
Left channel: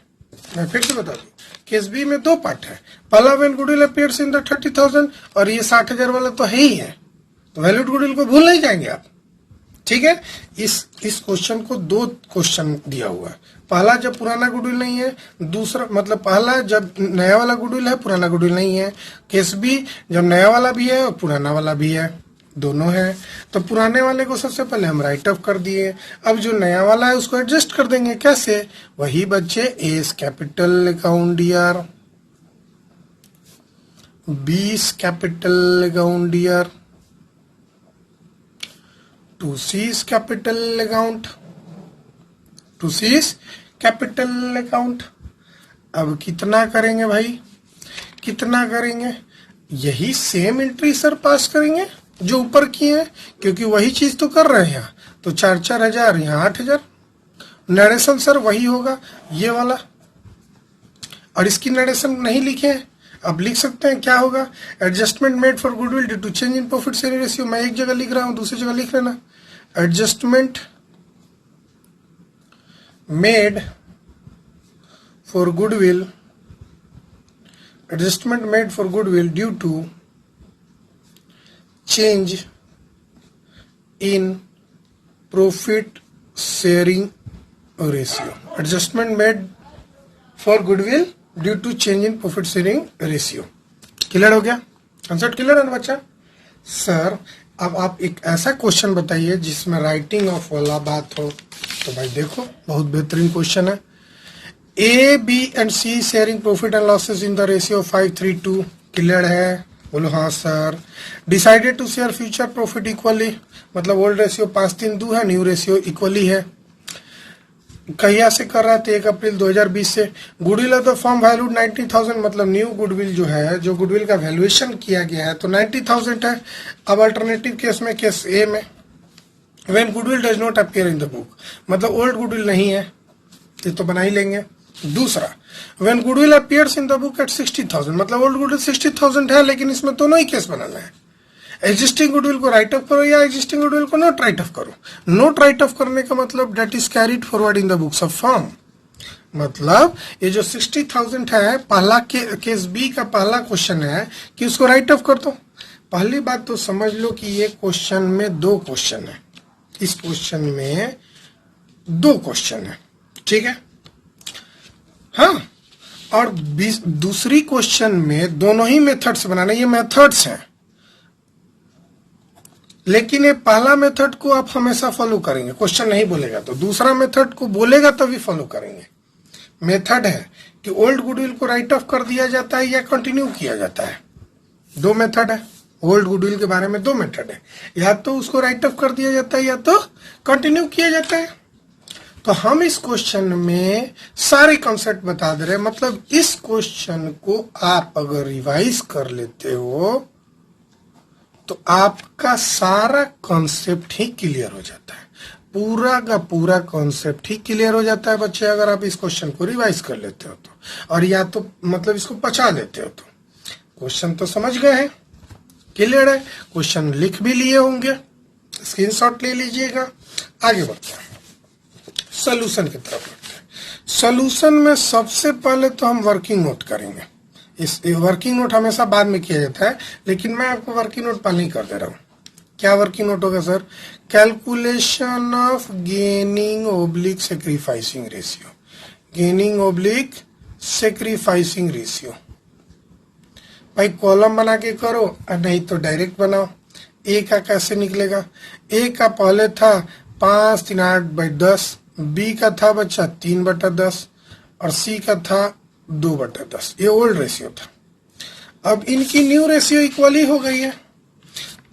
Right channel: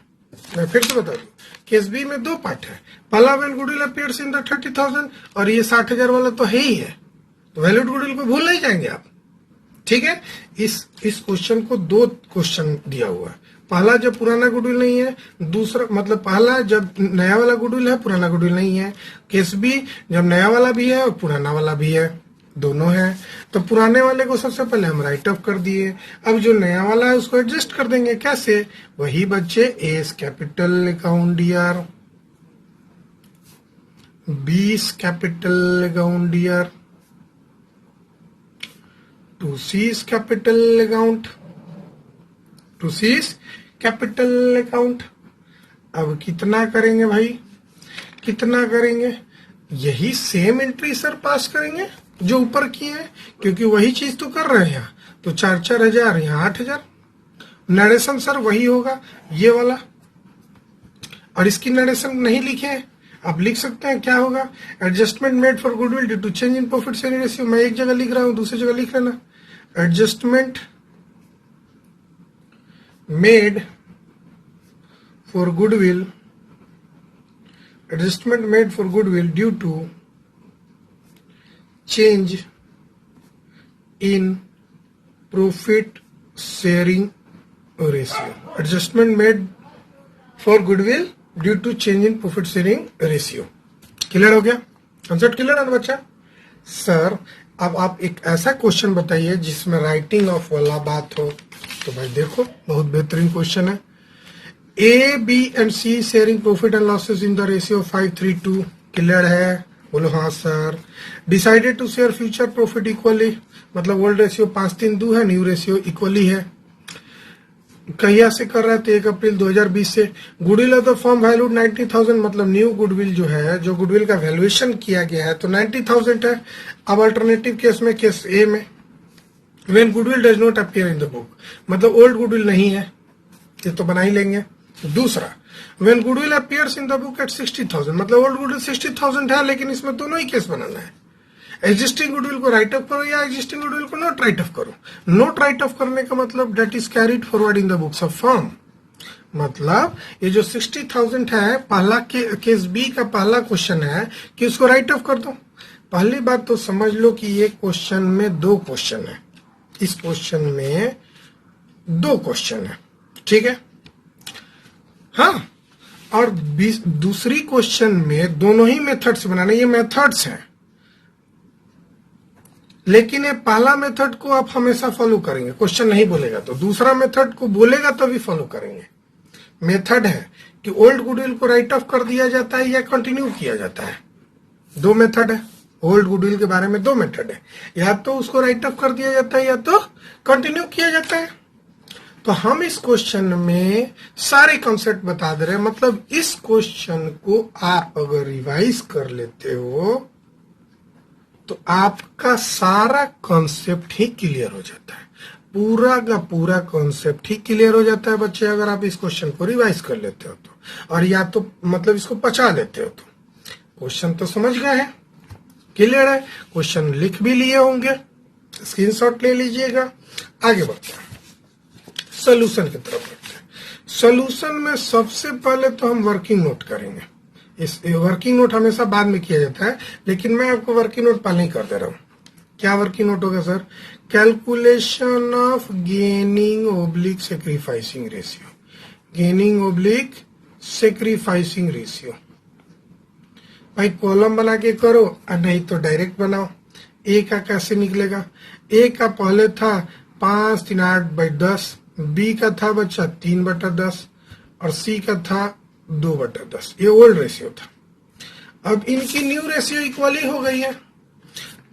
मैं फिर से बता दूं, केस बी में दो पार्ट है। पहला when goodwill appears in the 30,000, और ये 60,000 वाला तो है ही है, तो वैल्यूड गुडविल को भूल नहीं जाएंगे आप, ठीक है। इस क्वेश्चन को दो क्वेश्चन दिया हुआ है। पहला जब पुराना गुडविल नहीं है, दूसरा मतलब पहला जब नया वाला गुडविल है, पुराना गुडविल नहीं है। केस बी जब नया वाला भी है और पुराना वाला भी है, दोनों है। तो पुराने वाले को सबसे पहले हम राइट ऑफ कर दिए। अब जो नया वाला है उसको एडजस्ट कर देंगे। कैसे? वही बच्चे, A's capital account D R, 20 capital account D R, to C's capital account, to C's capital account. अब कितना करेंगे भाई? कितना करेंगे? यही सेम एंट्री सर पास करेंगे जो ऊपर की है, क्योंकि वही चीज तो कर रहे हैं। तो 4,000 यहाँ 8,000। नरेशन सर वही होगा, ये वाला। और इसकी नरेशन नहीं लिखे हैं, आप लिख सकते हैं क्या होगा, adjustment made for goodwill due to change in profit sharing ratio. मैं एक जगह लिख रहा हूं, दूसरी जगह लिख लेना, adjustment made for goodwill, adjustment made for goodwill due to change in profit sharing ratio. Adjustment made for goodwill due to change in profit sharing ratio. Clear हो गया? कंसेप्ट क्लियर है बच्चा? सर अब आप एक ऐसा क्वेश्चन बताइए जिसमें राइटिंग ऑफ वाला बात हो। तो भाई देखो बहुत बेहतरीन क्वेश्चन है। A, B and C sharing profit and losses in the ratio 5:3:2 clear है? बोलो हाँ sir. Decided to share future profit equally, मतलब ओल्ड रेशियो 5:3:2 है, न्यू रेशियो इक्वली है। कहिया से कर रहा है? तो 1 अप्रैल 2020 से। Goodwill of the firm valued 90,000, मतलब न्यू गुडविल जो है, जो गुडविल का वैल्यूएशन किया गया है तो 90,000 है। अब अल्टरनेटिव केस में, केस ए में, when goodwill does not appear in the book, मतलब ओल्ड गुडविल नहीं है, ये तो बना ही लेंगे। दूसरा, when goodwill appears in the book at 60,000, मतलब ओल्ड गुडविल 60,000 है, लेकिन इसमें दोनों ही केस बनाना है। एग्जिस्टिंग गुडविल को राइट ऑफ करो या एग्जिस्टिंग गुडविल को नोट राइट ऑफ करो। नोट राइट ऑफ करने का मतलब that is carried forward in the books of firm, मतलब ये जो 60,000 है, पहला केस बी का पहला क्वेश्चन है कि उसको राइट ऑफ कर दो। पहली बात तो समझ लो कि ये क्वेश्चन में 2 क्वेश्चन है, इस क्वेश्चन में 2 क्वेश्चन है, ठीक है? हाँ, और दूसरी क्वेश्चन में दोनों ही मेथड्स बनाने, ये मेथड्स हैं, लेकिन ये पहला मेथड को आप हमेशा फॉलो करेंगे, क्वेश्चन नहीं बोलेगा तो। दूसरा मेथड को बोलेगा तभी फॉलो करेंगे। मेथड है कि ओल्ड गुडविल को राइट ऑफ कर दिया जाता है या कंटिन्यू किया जाता है। 2 मेथड है, ओल्ड गुडविल के बारे में 2 मेथड है, या तो उसको राइट ऑफ कर दिया जाता है या तो कंटिन्यू किया जाता है। तो हम इस क्वेश्चन में सारे कॉन्सेप्ट बता दे रहे हैं, मतलब इस क्वेश्चन को आप अगर रिवाइज कर लेते हो तो आपका सारा कॉन्सेप्ट ही क्लियर हो जाता है, पूरा का पूरा कॉन्सेप्ट ही क्लियर हो जाता है बच्चे, अगर आप इस क्वेश्चन को रिवाइज कर लेते हो तो, और या तो मतलब इसको पचा लेते हो तो। क्वेश्चन तो समझ गए हैं, क्लियर है? क्वेश्चन लिख भी लिए होंगे, स्क्रीनशॉट ले लीजिएगा। आगे बढ़ते हैं सोल्यूशन की तरफ। सोल्यूशन में सबसे पहले तो हम वर्किंग नोट करेंगे। इस वर्किंग नोट हमेशा बाद में किया जाता है, लेकिन मैं आपको वर्किंग नोट पहले ही कर दे रहा हूँ। क्या वर्किंग नोट होगा sir? Calculation of gaining oblique sacrificing ratio, gaining oblique sacrificing ratio. भाई कॉलम बना के करो, नहीं तो डायरेक्ट बनाओ। ए का कैसे निकलेगा? ए का पहले था 5/8/10, बी का था बच्चा 3/10 और सी का था 2/10। ये ओल्ड रेशियो था। अब इनकी न्यू रेशियो इक्वली हो गई है,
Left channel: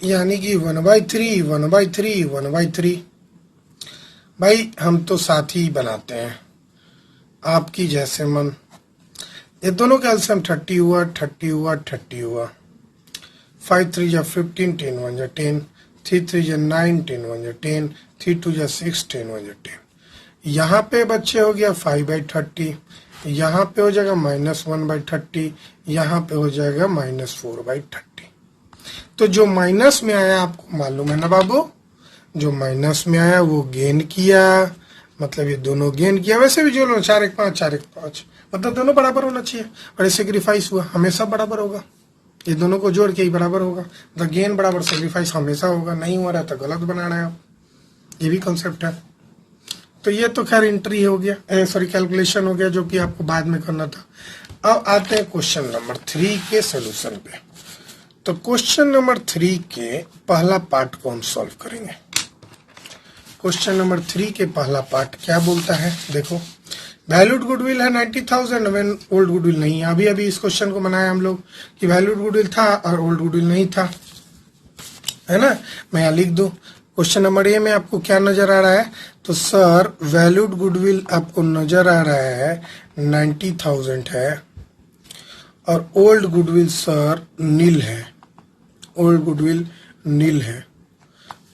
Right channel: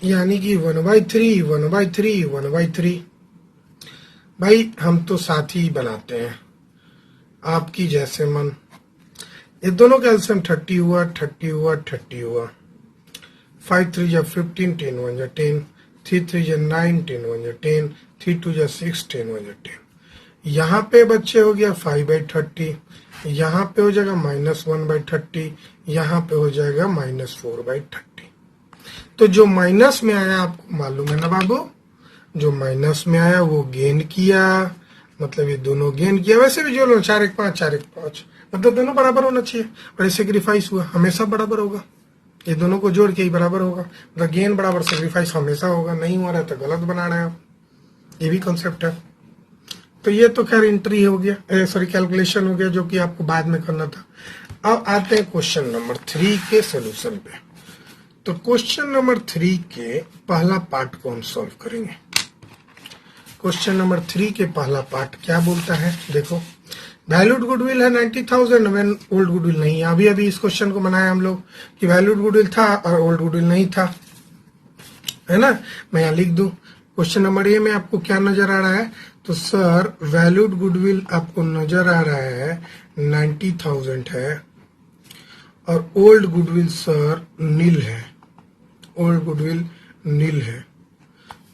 यानी कि 1/3 1/3 1/3। भाई हम तो साथ ही बनाते हैं, आपकी जैसे मन। ये दोनों का एलसीएम 30 हुआ 30 हुआ 30 हुआ। 5 3 जा 15 10 1 जा 10, 3 3 जा 9 10 1 जा 10, 3 2 जा 6 10 1 जा 10। यहाँ पे बच्चे हो गया 5/30, यहाँ पे हो जाएगा -1/30, यहाँ पे हो जाएगा -4/30। तो जो माइनस में आया आपको मालूम है ना बाबू, जो माइनस में आया वो गेन किया, मतलब ये दोनों गेन किया। वैसे भी जो 4-1-5 4-1-5, मतलब दोनों बराबर होना चाहिए, और ये सेक्रीफाइस हुआ हमेशा बराबर होगा, ये दोनों को जोड़ के ही बराबर होगा, मतलब गेन बराबर सेक्रीफाइस हमेशा होगा। नहीं हो रहा तो गलत बना रहे हैं आप, ये भी कॉन्सेप्ट है। तो ये तो खैर एंट्री हो गया, सॉरी कैलकुलेशन हो गया, जो कि आपको बाद में करना था। अब आते हैं क्वेश्चन नंबर 3 के सोल्यूशन पे। तो क्वेश्चन नंबर 3 के पहला पार्ट को हम सॉल्व करेंगे। क्वेश्चन नंबर 3 के पहला पार्ट क्या बोलता है? देखो, वैल्यूड गुडविल है 90,000 व्हेन ओल्ड गुडविल नहीं है। अभी अभी इस क्वेश्चन को बनाया हम लोग कि वैल्यूड गुडविल था और ओल्ड गुडविल नहीं था, है ना। मैं यहाँ लिख दूं, क्वेश्चन नंबर ए में आपको क्या नजर आ रहा है? तो सर वैल्यूड गुडविल आपको नजर आ रहा है 90,000 है, और ओल्ड गुडविल सर नील है, ओल्ड गुडविल नील है।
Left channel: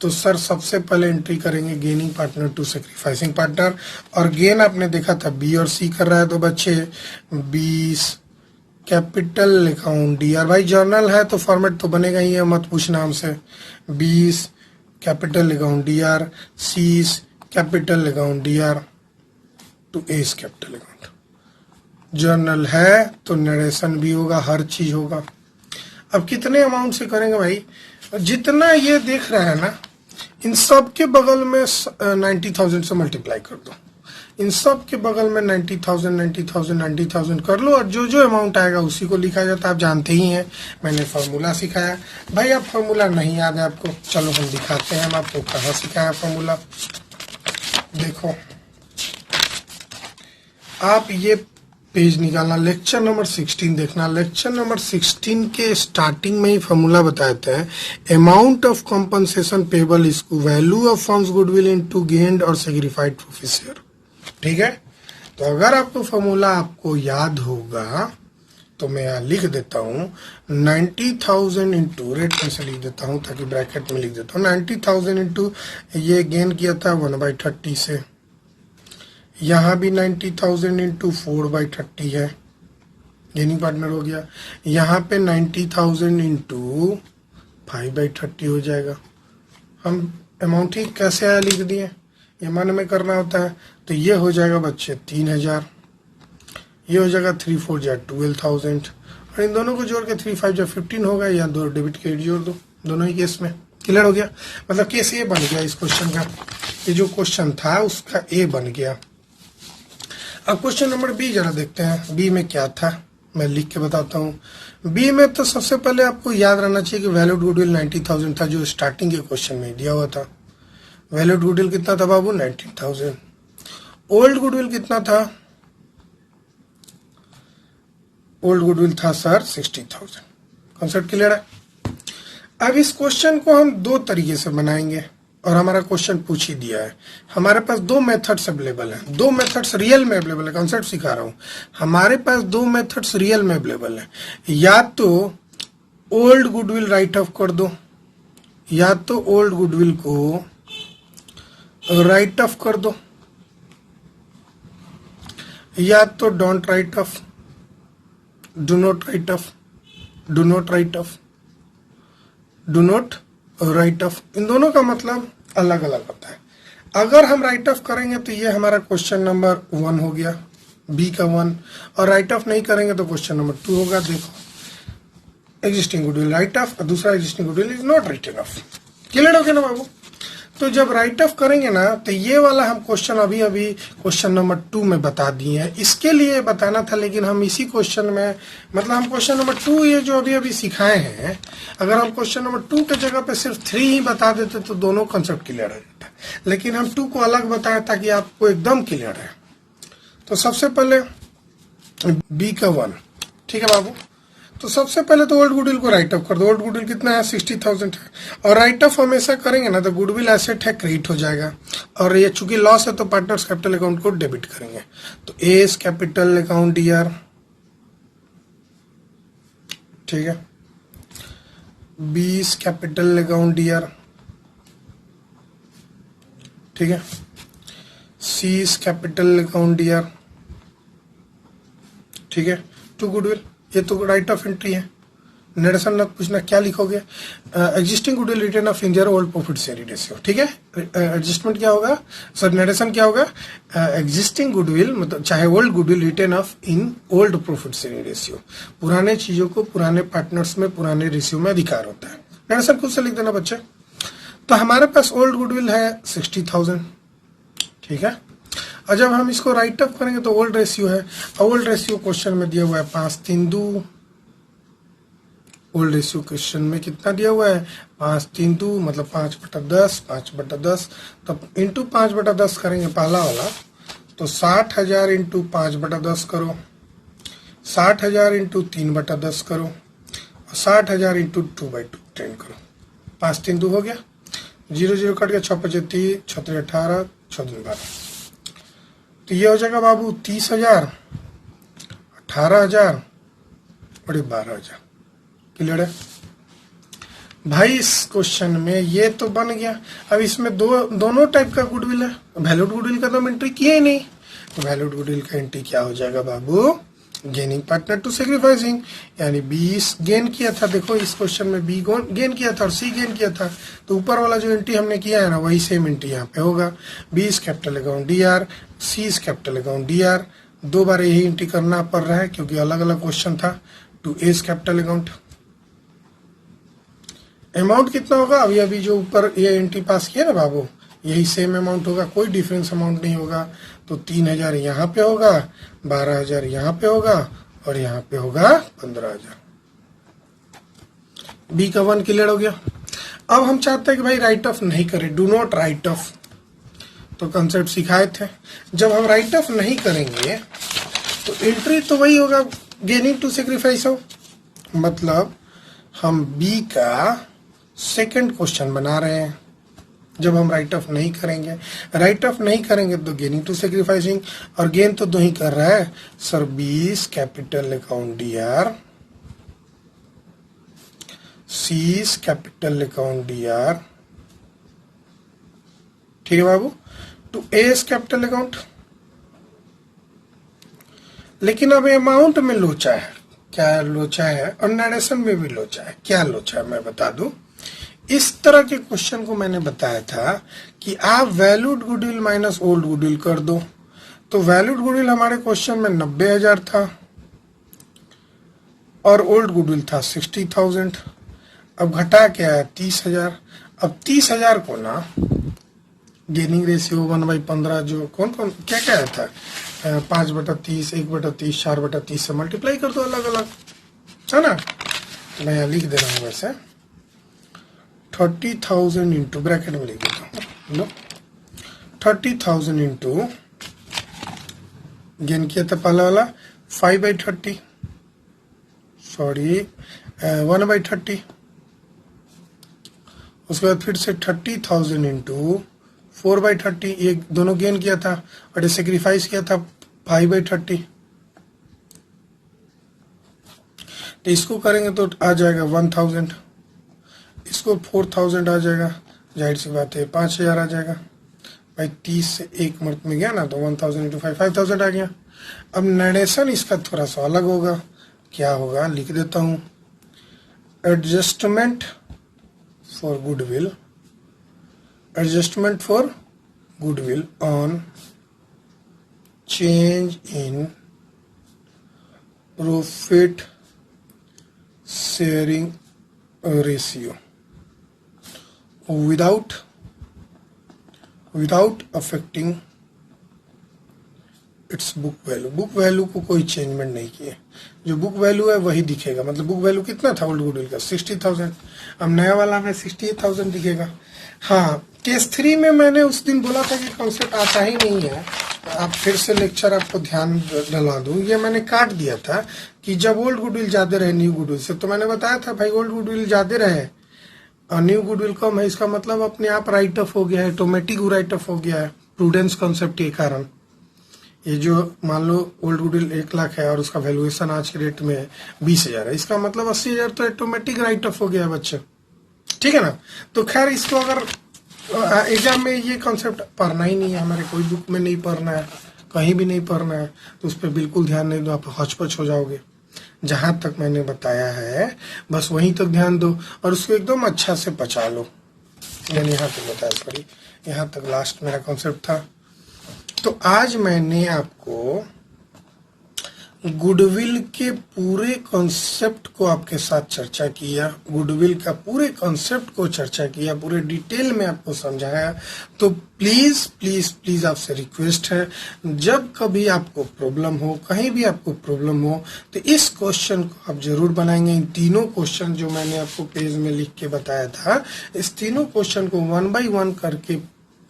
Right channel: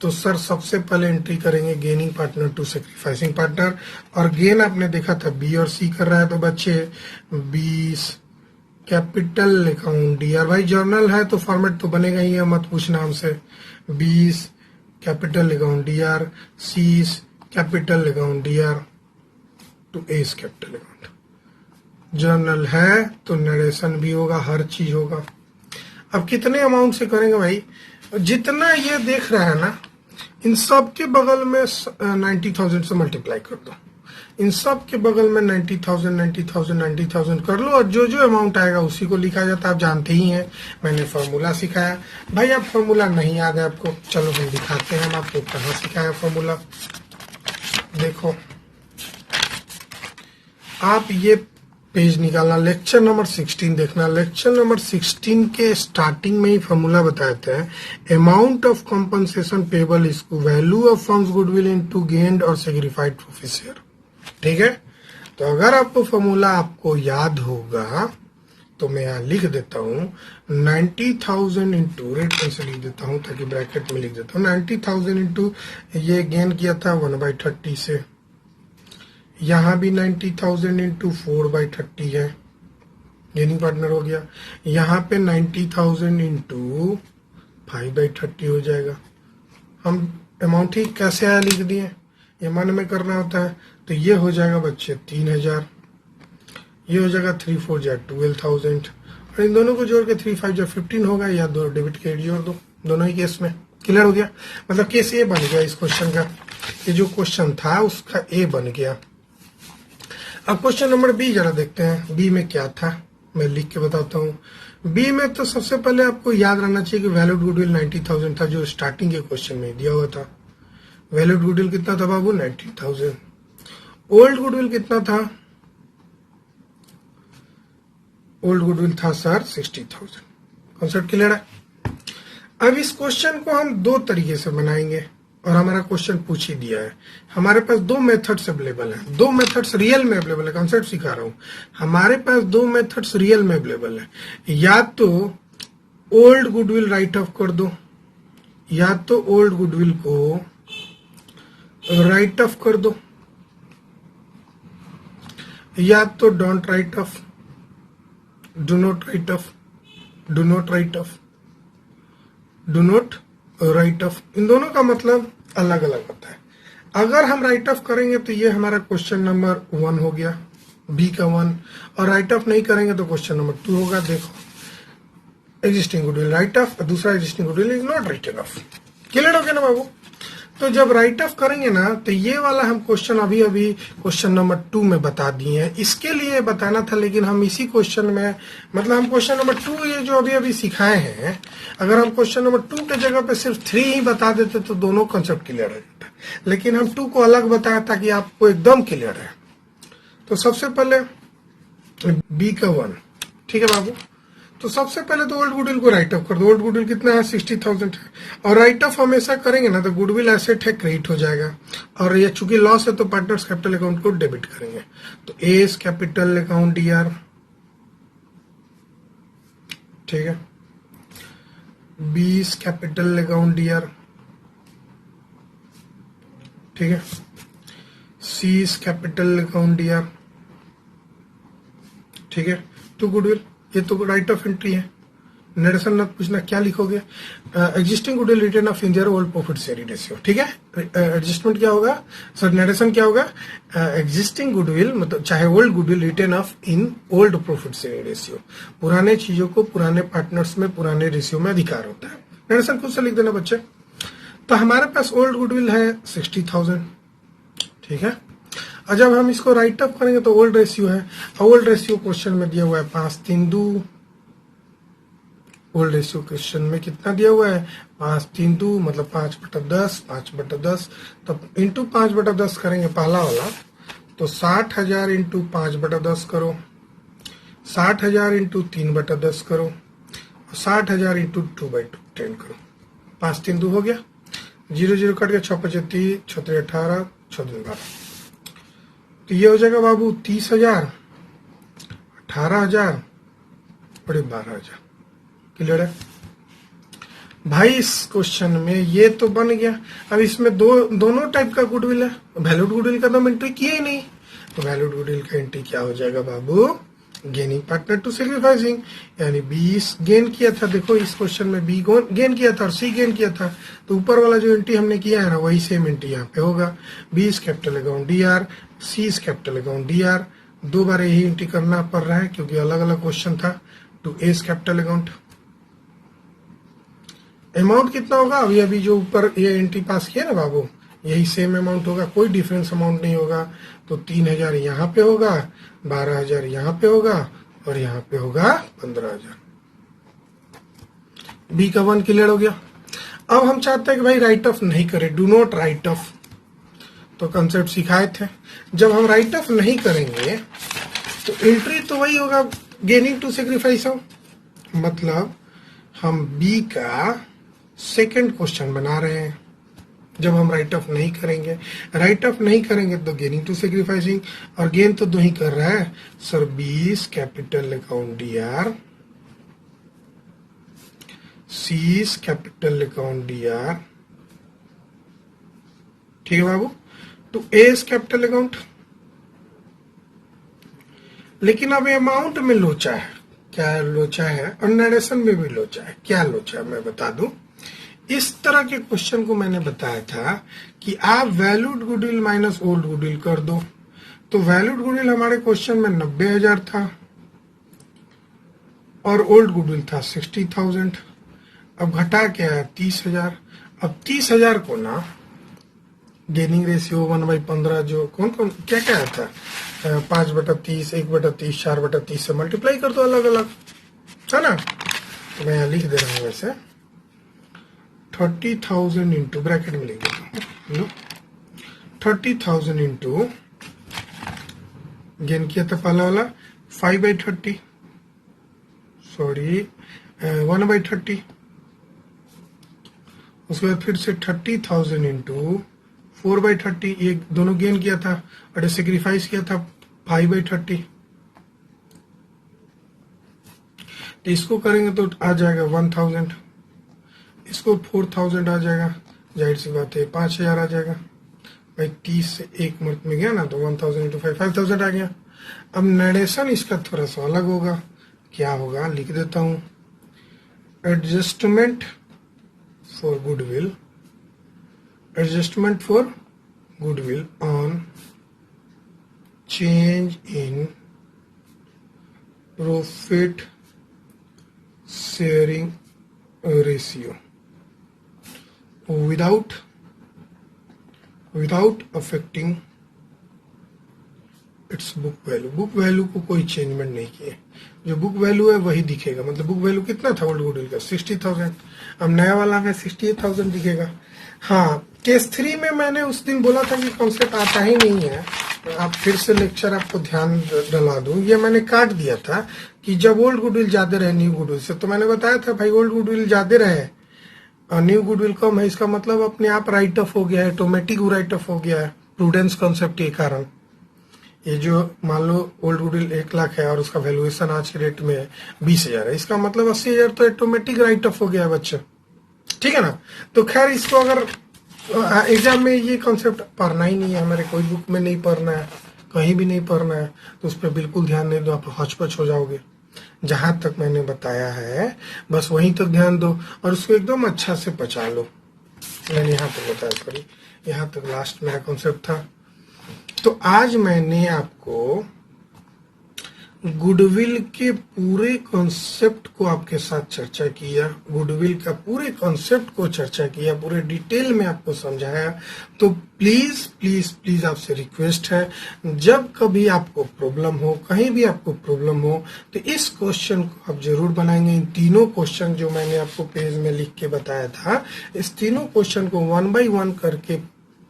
तो सर सबसे पहले एंट्री करेंगे gaining partner to sacrificing partner, और गेन आपने देखा था बी और सी कर रहा है, तो बच्चे 20 कैपिटल अकाउंट डीआर। भाई जर्नल है तो फॉर्मेट तो बनेगा ही है, मत पूछना हमसे। 20 capital account D R, C's capital account D R to A's capital account. Journal है तो नरेशन भी होगा, हर चीज होगा। अब कितने अमाउंट से करेंगे भाई? जितना ये देख रहा है ना, इन सब के बगल में 90,000 से मल्टीप्लाई कर दो। इन सब के बगल में 90,000 90,000 90,000 कर लो, और जो जो अमाउंट आएगा उसी को लिखा जाता है। आप जानते ही हैं, मैंने फॉर्मूला सिखाया। भाई आप फॉर्मूला नहीं याद है आपको, चलो हम दिखाते हैं हम आपको कहाँ सिखाया फॉर्मूला। देखो आप ये पेज निकालना, लेक्चर नंबर 16 देखना। लेक्चर नंबर 16 के स्टार्टिंग में ही फॉर्मूला बताते हैं। Amount of compensation payable is value of firms goodwill into gained और सेग्रीफाइड प्रोफेसियर। ठीक है, तो अगर आपको फॉर्मूला आपको याद होगा तो मैं यहाँ लिख देता हूँ 90,000 इंटू, रेट पेन से लिख देता हूँ ताकि ब्रैकेट में लिख देता हूँ। 90,000 इंटू ये गेन किया था 1/30 से, यहाँ भी 90,000 इंटू 4/30 है, गेनिंग पार्टनर हो गया। यहाँ पे 90,000 इंटू 5/30 हो जाएगा। हम अमाउंट ही कैसे आया लिख दिए, ये मन में करना होता है। तो ये हो जाएगा बच्चे 3,000, ये हो जाएगा 3 4 जा 12,000, और इन दोनों को जोड़ के 3 5 जा 15 होगा, या 2 डेबिट के जोड़ दो, दोनों ही केस में। क्लियर हो गया? मतलब केस ए बन गया इस क्वेश्चन का, ये जो क्वेश्चन था उसका ए बन गया। अब क्वेश्चन नंबर बी जरा देखते हैं, बी में क्या था, मैं लिख के बताता हूँ। बी में तो सबसे पहले आपको याद रहना चाहिए कि वैल्यूड गुडविल 90,000 था, जो स्टार्टिंग के क्वेश्चन में दिया हुआ था। वैल्यूड गुडविल कितना था बाबू? 90,000। ओल्ड गुडविल कितना था? ओल्ड गुडविल था सर 60,000। कॉन्सेप्ट क्लियर है? अब इस क्वेश्चन को हम दो तरीके से बनाएंगे, और हमारा क्वेश्चन पूछ ही दिया है। हमारे पास दो मेथड्स अवेलेबल हैं, दो मेथड्स रियल में अवेलेबल है। कंसेप्ट सिखा रहा हूं, हमारे पास दो मेथड्स रियल में अवेलेबल है। या तो ओल्ड गुडविल राइट ऑफ कर दो, या तो ओल्ड गुडविल को राइट ऑफ कर दो, या तो don't write off, do not write off, do not write off, do not write off. इन दोनों का मतलब अलग अलग होता है। अगर हम राइट ऑफ करेंगे तो ये हमारा क्वेश्चन नंबर 1 हो गया, बी का 1, और राइट ऑफ नहीं करेंगे तो क्वेश्चन नंबर 2 होगा। देखो एग्जिस्टिंग गुडविल राइट ऑफ, और दूसरा existing goodwill is not written off. Clear हो गया ना बाबू? तो जब राइट ऑफ करेंगे ना, तो ये वाला हम क्वेश्चन अभी अभी क्वेश्चन नंबर 2 में बता दिए हैं। इसके लिए बताना था, लेकिन हम इसी क्वेश्चन में, मतलब हम क्वेश्चन नंबर 2 ये जो अभी अभी सिखाए हैं, अगर हम क्वेश्चन नंबर 2 की जगह पे सिर्फ 3 ही बता देते तो दोनों कंसेप्ट क्लियर हो जाता। लेकिन हम 2 को अलग बताया ताकि आपको एकदम क्लियर है। तो सबसे पहले बी का 1, ठीक है बाबू। तो सबसे पहले तो ओल्ड गुडविल को राइट ऑफ कर दो। ओल्ड गुडविल कितना है? 60,000 है, और राइट ऑफ हमेशा करेंगे ना तो गुडविल एसेट है, क्रेडिट हो जाएगा, और ये चूंकि लॉस है तो पार्टनर्स कैपिटल अकाउंट को डेबिट करेंगे। तो एस कैपिटल अकाउंट डीआर, ठीक है, बीस कैपिटल अकाउंट डीआर, ठीक है, सीज कैपिटल अकाउंट डीआर, ठीक है, टू गुडविल। ये तो राइट ऑफ एंट्री है, नरेशन मत पूछना क्या लिखोगे। Existing goodwill written off in their old profit sharing ratio, ठीक है। एडजस्टमेंट क्या होगा सर? नरेशन क्या होगा? एग्जिस्टिंग गुडविल मतलब चाहे old goodwill written of in old profit sharing ratio. पुराने चीजों को पुराने पार्टनर्स में पुराने रेशियो में अधिकार होता है। नरेशन खुद से लिख देना बच्चे। तो हमारे पास ओल्ड गुडविल है 60,000, ठीक है। और जब हम इसको राइट ऑफ करेंगे तो ओल्ड रेशियो है, ओल्ड रेशियो क्वेश्चन में दिया हुआ है 5/3। ओल्ड रेशियो क्वेश्चन में कितना दिया हुआ है? 5/3 मतलब 5/10, 5/10। तो इंटू 5/10 करेंगे पहला वाला, तो 60,000 इंटू 5/10 करो, 60,000 इंटू 3/10 करो, और 60,000 इंटू 2/10 करो। 5/3 हो गया, 0 0 कट गया, 6×5 = 30, 6×3 = 18, 6×2 = 12। तो ये हो जाएगा बाबू 30,000, 18,000 और 12,000। क्लियर है? भाई इस क्वेश्चन में ये तो बन गया। अब इसमें दोनों टाइप का गुडविल है, वैल्यूड गुडविल का तो हम एंट्री किया ही नहीं, तो वैल्यूड गुडविल का एंट्री क्या हो जाएगा बाबू, गेनिंग पार्टनर टू सेक्रीफाइसिंग, यानी बी गेन किया था। देखो इस क्वेश्चन में बी गेन किया था और सी गेन किया था, तो ऊपर वाला जो एंट्री हमने किया है ना वही सेम एंट्री यहाँ पे होगा। B is capital account D R, C is capital account D R, दो बार यही एंट्री करना पड़ रहा है क्योंकि अलग अलग क्वेश्चन था। To A is capital account, amount कितना होगा, अभी अभी जो ऊपर ये एंट्री पास किया ना बाबू, यही सेम अमाउंट होगा, कोई डिफरेंस अमाउंट नहीं होगा। तो 3000 यहाँ पे होगा, 12000 यहाँ पे होगा और यहाँ पे होगा 15000। बी का 1 क्लियर हो गया। अब हम चाहते हैं कि भाई राइट ऑफ नहीं करें, डू नॉट राइट ऑफ, तो कंसेप्ट सिखाए थे। जब हम राइट ऑफ नहीं करेंगे तो एंट्री तो वही होगा, गेनिंग टू सेक्रीफाइस हो, मतलब हम बी का सेकंड क्वेश्चन बना रहे हैं। जब हम राइट ऑफ नहीं करेंगे, राइट ऑफ नहीं करेंगे तो गेनिंग टू सेक्रीफाइसिंग, और गेन तो दो ही कर रहा है सर, बीस capital account D are, seize capital account D R, ठीक है बाबू। तो ए इज कैपिटल अकाउंट, लेकिन अब अमाउंट में लोचा है। क्या लोचा है, अब नरेशन में भी लोचा है। क्या लोचा है मैं बता दूं, इस तरह के क्वेश्चन को मैंने बताया था कि आप valued goodwill minus old goodwill कर दो। तो वैल्यूड गुडविल हमारे क्वेश्चन में 90,000 था और ओल्ड गुडविल था 60,000। अब घटा क्या है 30,000। अब 30,000 को ना गेनिंग रेशियो 1/15 जो कौन क्या क्या था, 5/30, 1/30, 4/30 से मल्टीप्लाई कर दो अलग अलग, है ना। तो मैं यहाँ लिख दे रहा हूँ वैसा 30,000 इंटू, ब्रैकेट में लिख देता हूँ, 30,000 इंटू गेन किया था पहला वाला 5/30, सॉरी 1/30, उसके बाद फिर से 30,000 इंटू 4/30, ये दोनों गेन किया था और सेक्रीफाइस किया था 5/30। तो इसको करेंगे तो आ जाएगा 1000, इसको 4000 आ जाएगा, जाहिर सी बात है 5000 आ जाएगा भाई। 30 से एक मिनट में गया ना, तो 1000 इंटू 5000 आ गया। अब नरेशन इसका थोड़ा सा अलग होगा, क्या होगा लिख देता हूं, adjustment for goodwill, adjustment for goodwill on change in profit sharing ratio without affecting its book value। Book value को कोई चेंजमेंट नहीं किए, जो बुक वैल्यू है वही दिखेगा। मतलब बुक वैल्यू कितना था ओल्ड गुडविल का 60,000, अब नया वाला में 68,000 दिखेगा। हाँ, केस 3 में मैंने उस दिन बोला था कि कॉन्सेप्ट आता ही नहीं है, आप फिर से लेक्चर आपको ध्यान डला दूं। ये मैंने काट दिया था कि जब ओल्ड गुडविल ज्यादा रहे न्यू गुडविल से, तो मैंने बताया था भाई ओल्ड गुडविल ज्यादा रहे और न्यू गुडविल कम है, इसका मतलब अपने आप राइट ऑफ हो गया है, ऑटोमेटिक राइट ऑफ हो गया है प्रूडेंस कॉन्सेप्ट के कारण। ये जो मान लो ओल्ड गुडविल 1 लाख है और उसका वैल्यूएशन आज के रेट में 20,000 है, इसका मतलब 80,000 तो ऑटोमेटिक राइट ऑफ हो गया बच्चे, ठीक है ना। तो खैर इसको अगर एग्जाम में ये कॉन्सेप्ट पढ़ना ही नहीं है, हमारे कोई बुक में नहीं पढ़ना है, कहीं भी नहीं पढ़ना है, तो उस पर बिल्कुल ध्यान नहीं दो, आप हौच-पौच हो जाओगे। जहां तक मैंने बताया है बस वहीं तक ध्यान दो और उसको एकदम अच्छा से पचा लो। मैंने यहाँ तक बताया, सॉरी यहाँ तक लास्ट मेरा कॉन्सेप्ट था। तो आज मैंने आपको गुडविल के पूरे कॉन्सेप्ट को आपके साथ चर्चा किया, गुडविल का पूरे कॉन्सेप्ट को चर्चा किया, पूरे डिटेल में आपको समझाया। तो प्लीज प्लीज प्लीज आपसे रिक्वेस्ट है, जब कभी आपको प्रॉब्लम हो, कहीं भी आपको प्रॉब्लम हो, तो इस क्वेश्चन को आप जरूर बनाएंगे। इन तीनों क्वेश्चन जो मैंने आपको पेज में लिख के बताया था, इस तीनों क्वेश्चन को 1 by 1 करके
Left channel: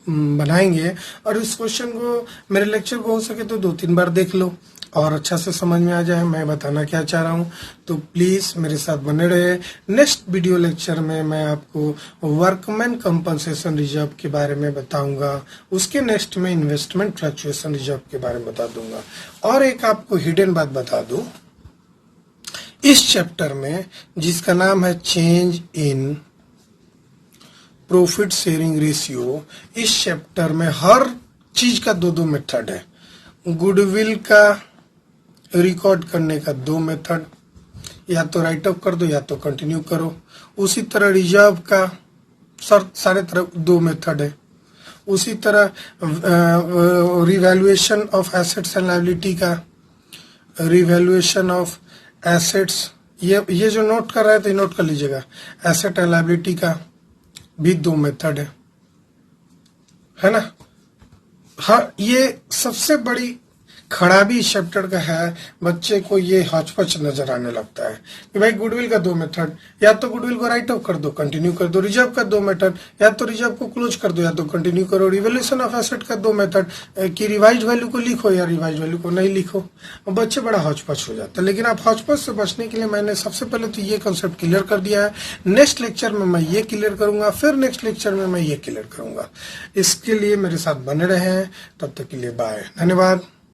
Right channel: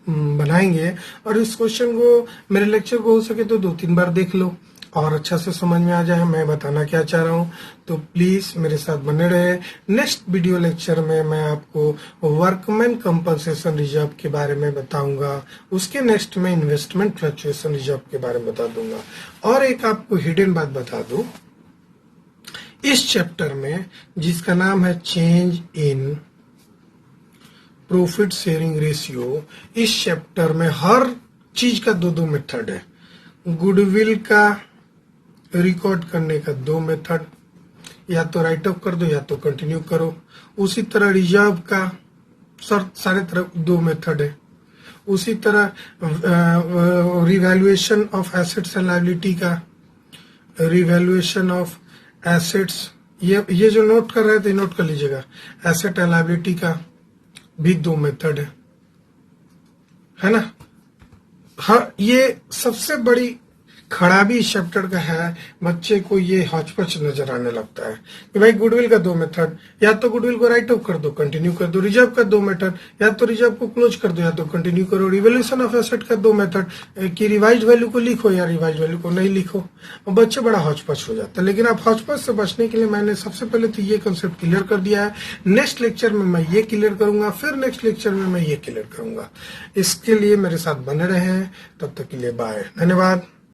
बनाएंगे और इस क्वेश्चन को मेरे लेक्चर को हो सके तो 2-3 बार देख लो और अच्छा से समझ में आ जाए मैं बताना क्या चाह रहा हूँ। तो प्लीज मेरे साथ बने रहे। नेक्स्ट वीडियो लेक्चर में मैं आपको वर्कमैन कंपनसेशन रिजर्व के बारे में बताऊंगा, उसके नेक्स्ट में इन्वेस्टमेंट फ्लक्चुएशन रिजर्व के बारे में बता दूंगा। और एक आपको हिडन बात बता दूं, इस चैप्टर में जिसका नाम है change in profit sharing ratio, इस चैप्टर में हर चीज का दो मेथड है। गुडविल का रिकॉर्ड करने का 2 मेथड, या तो राइट ऑफ कर दो या तो कंटिन्यू करो। उसी तरह रिजर्व का सारे तरफ 2 मेथड है। उसी तरह revaluation of assets and liability का, रिवैल्यूएशन ऑफ एसेट्स, ये जो नोट कर रहे थे नोट कर लीजिएगा। एसेट एंड लायबिलिटी का भी 2 मेथड है ना। हाँ, ये सबसे बड़ी खराबी इस चैप्टर का है, बच्चे को ये हचपच नजर आने लगता है कि भाई गुडविल का 2 मेथड, या तो गुडविल को राइट ऑफ कर दो कंटिन्यू कर दो। रिजर्व का 2 मेथड, या तो रिजर्व को क्लोज कर दो या तो कंटिन्यू करो। रिवैल्यूएशन ऑफ एसेट का 2 मेथड कि रिवाइज वैल्यू को लिखो या रिवाइज वैल्यू को नहीं लिखो। और बच्चे बड़ा हचपच हो जाता है। लेकिन आप हचपच से बचने के लिए मैंने सबसे पहले तो ये कंसेप्ट क्लियर कर दिया है। नेक्स्ट लेक्चर में मैं ये क्लियर करूंगा, फिर नेक्स्ट लेक्चर में मैं ये क्लियर करूंगा। इसके लिए मेरे साथ बने रहे, तब तक के लिए बाय, धन्यवाद।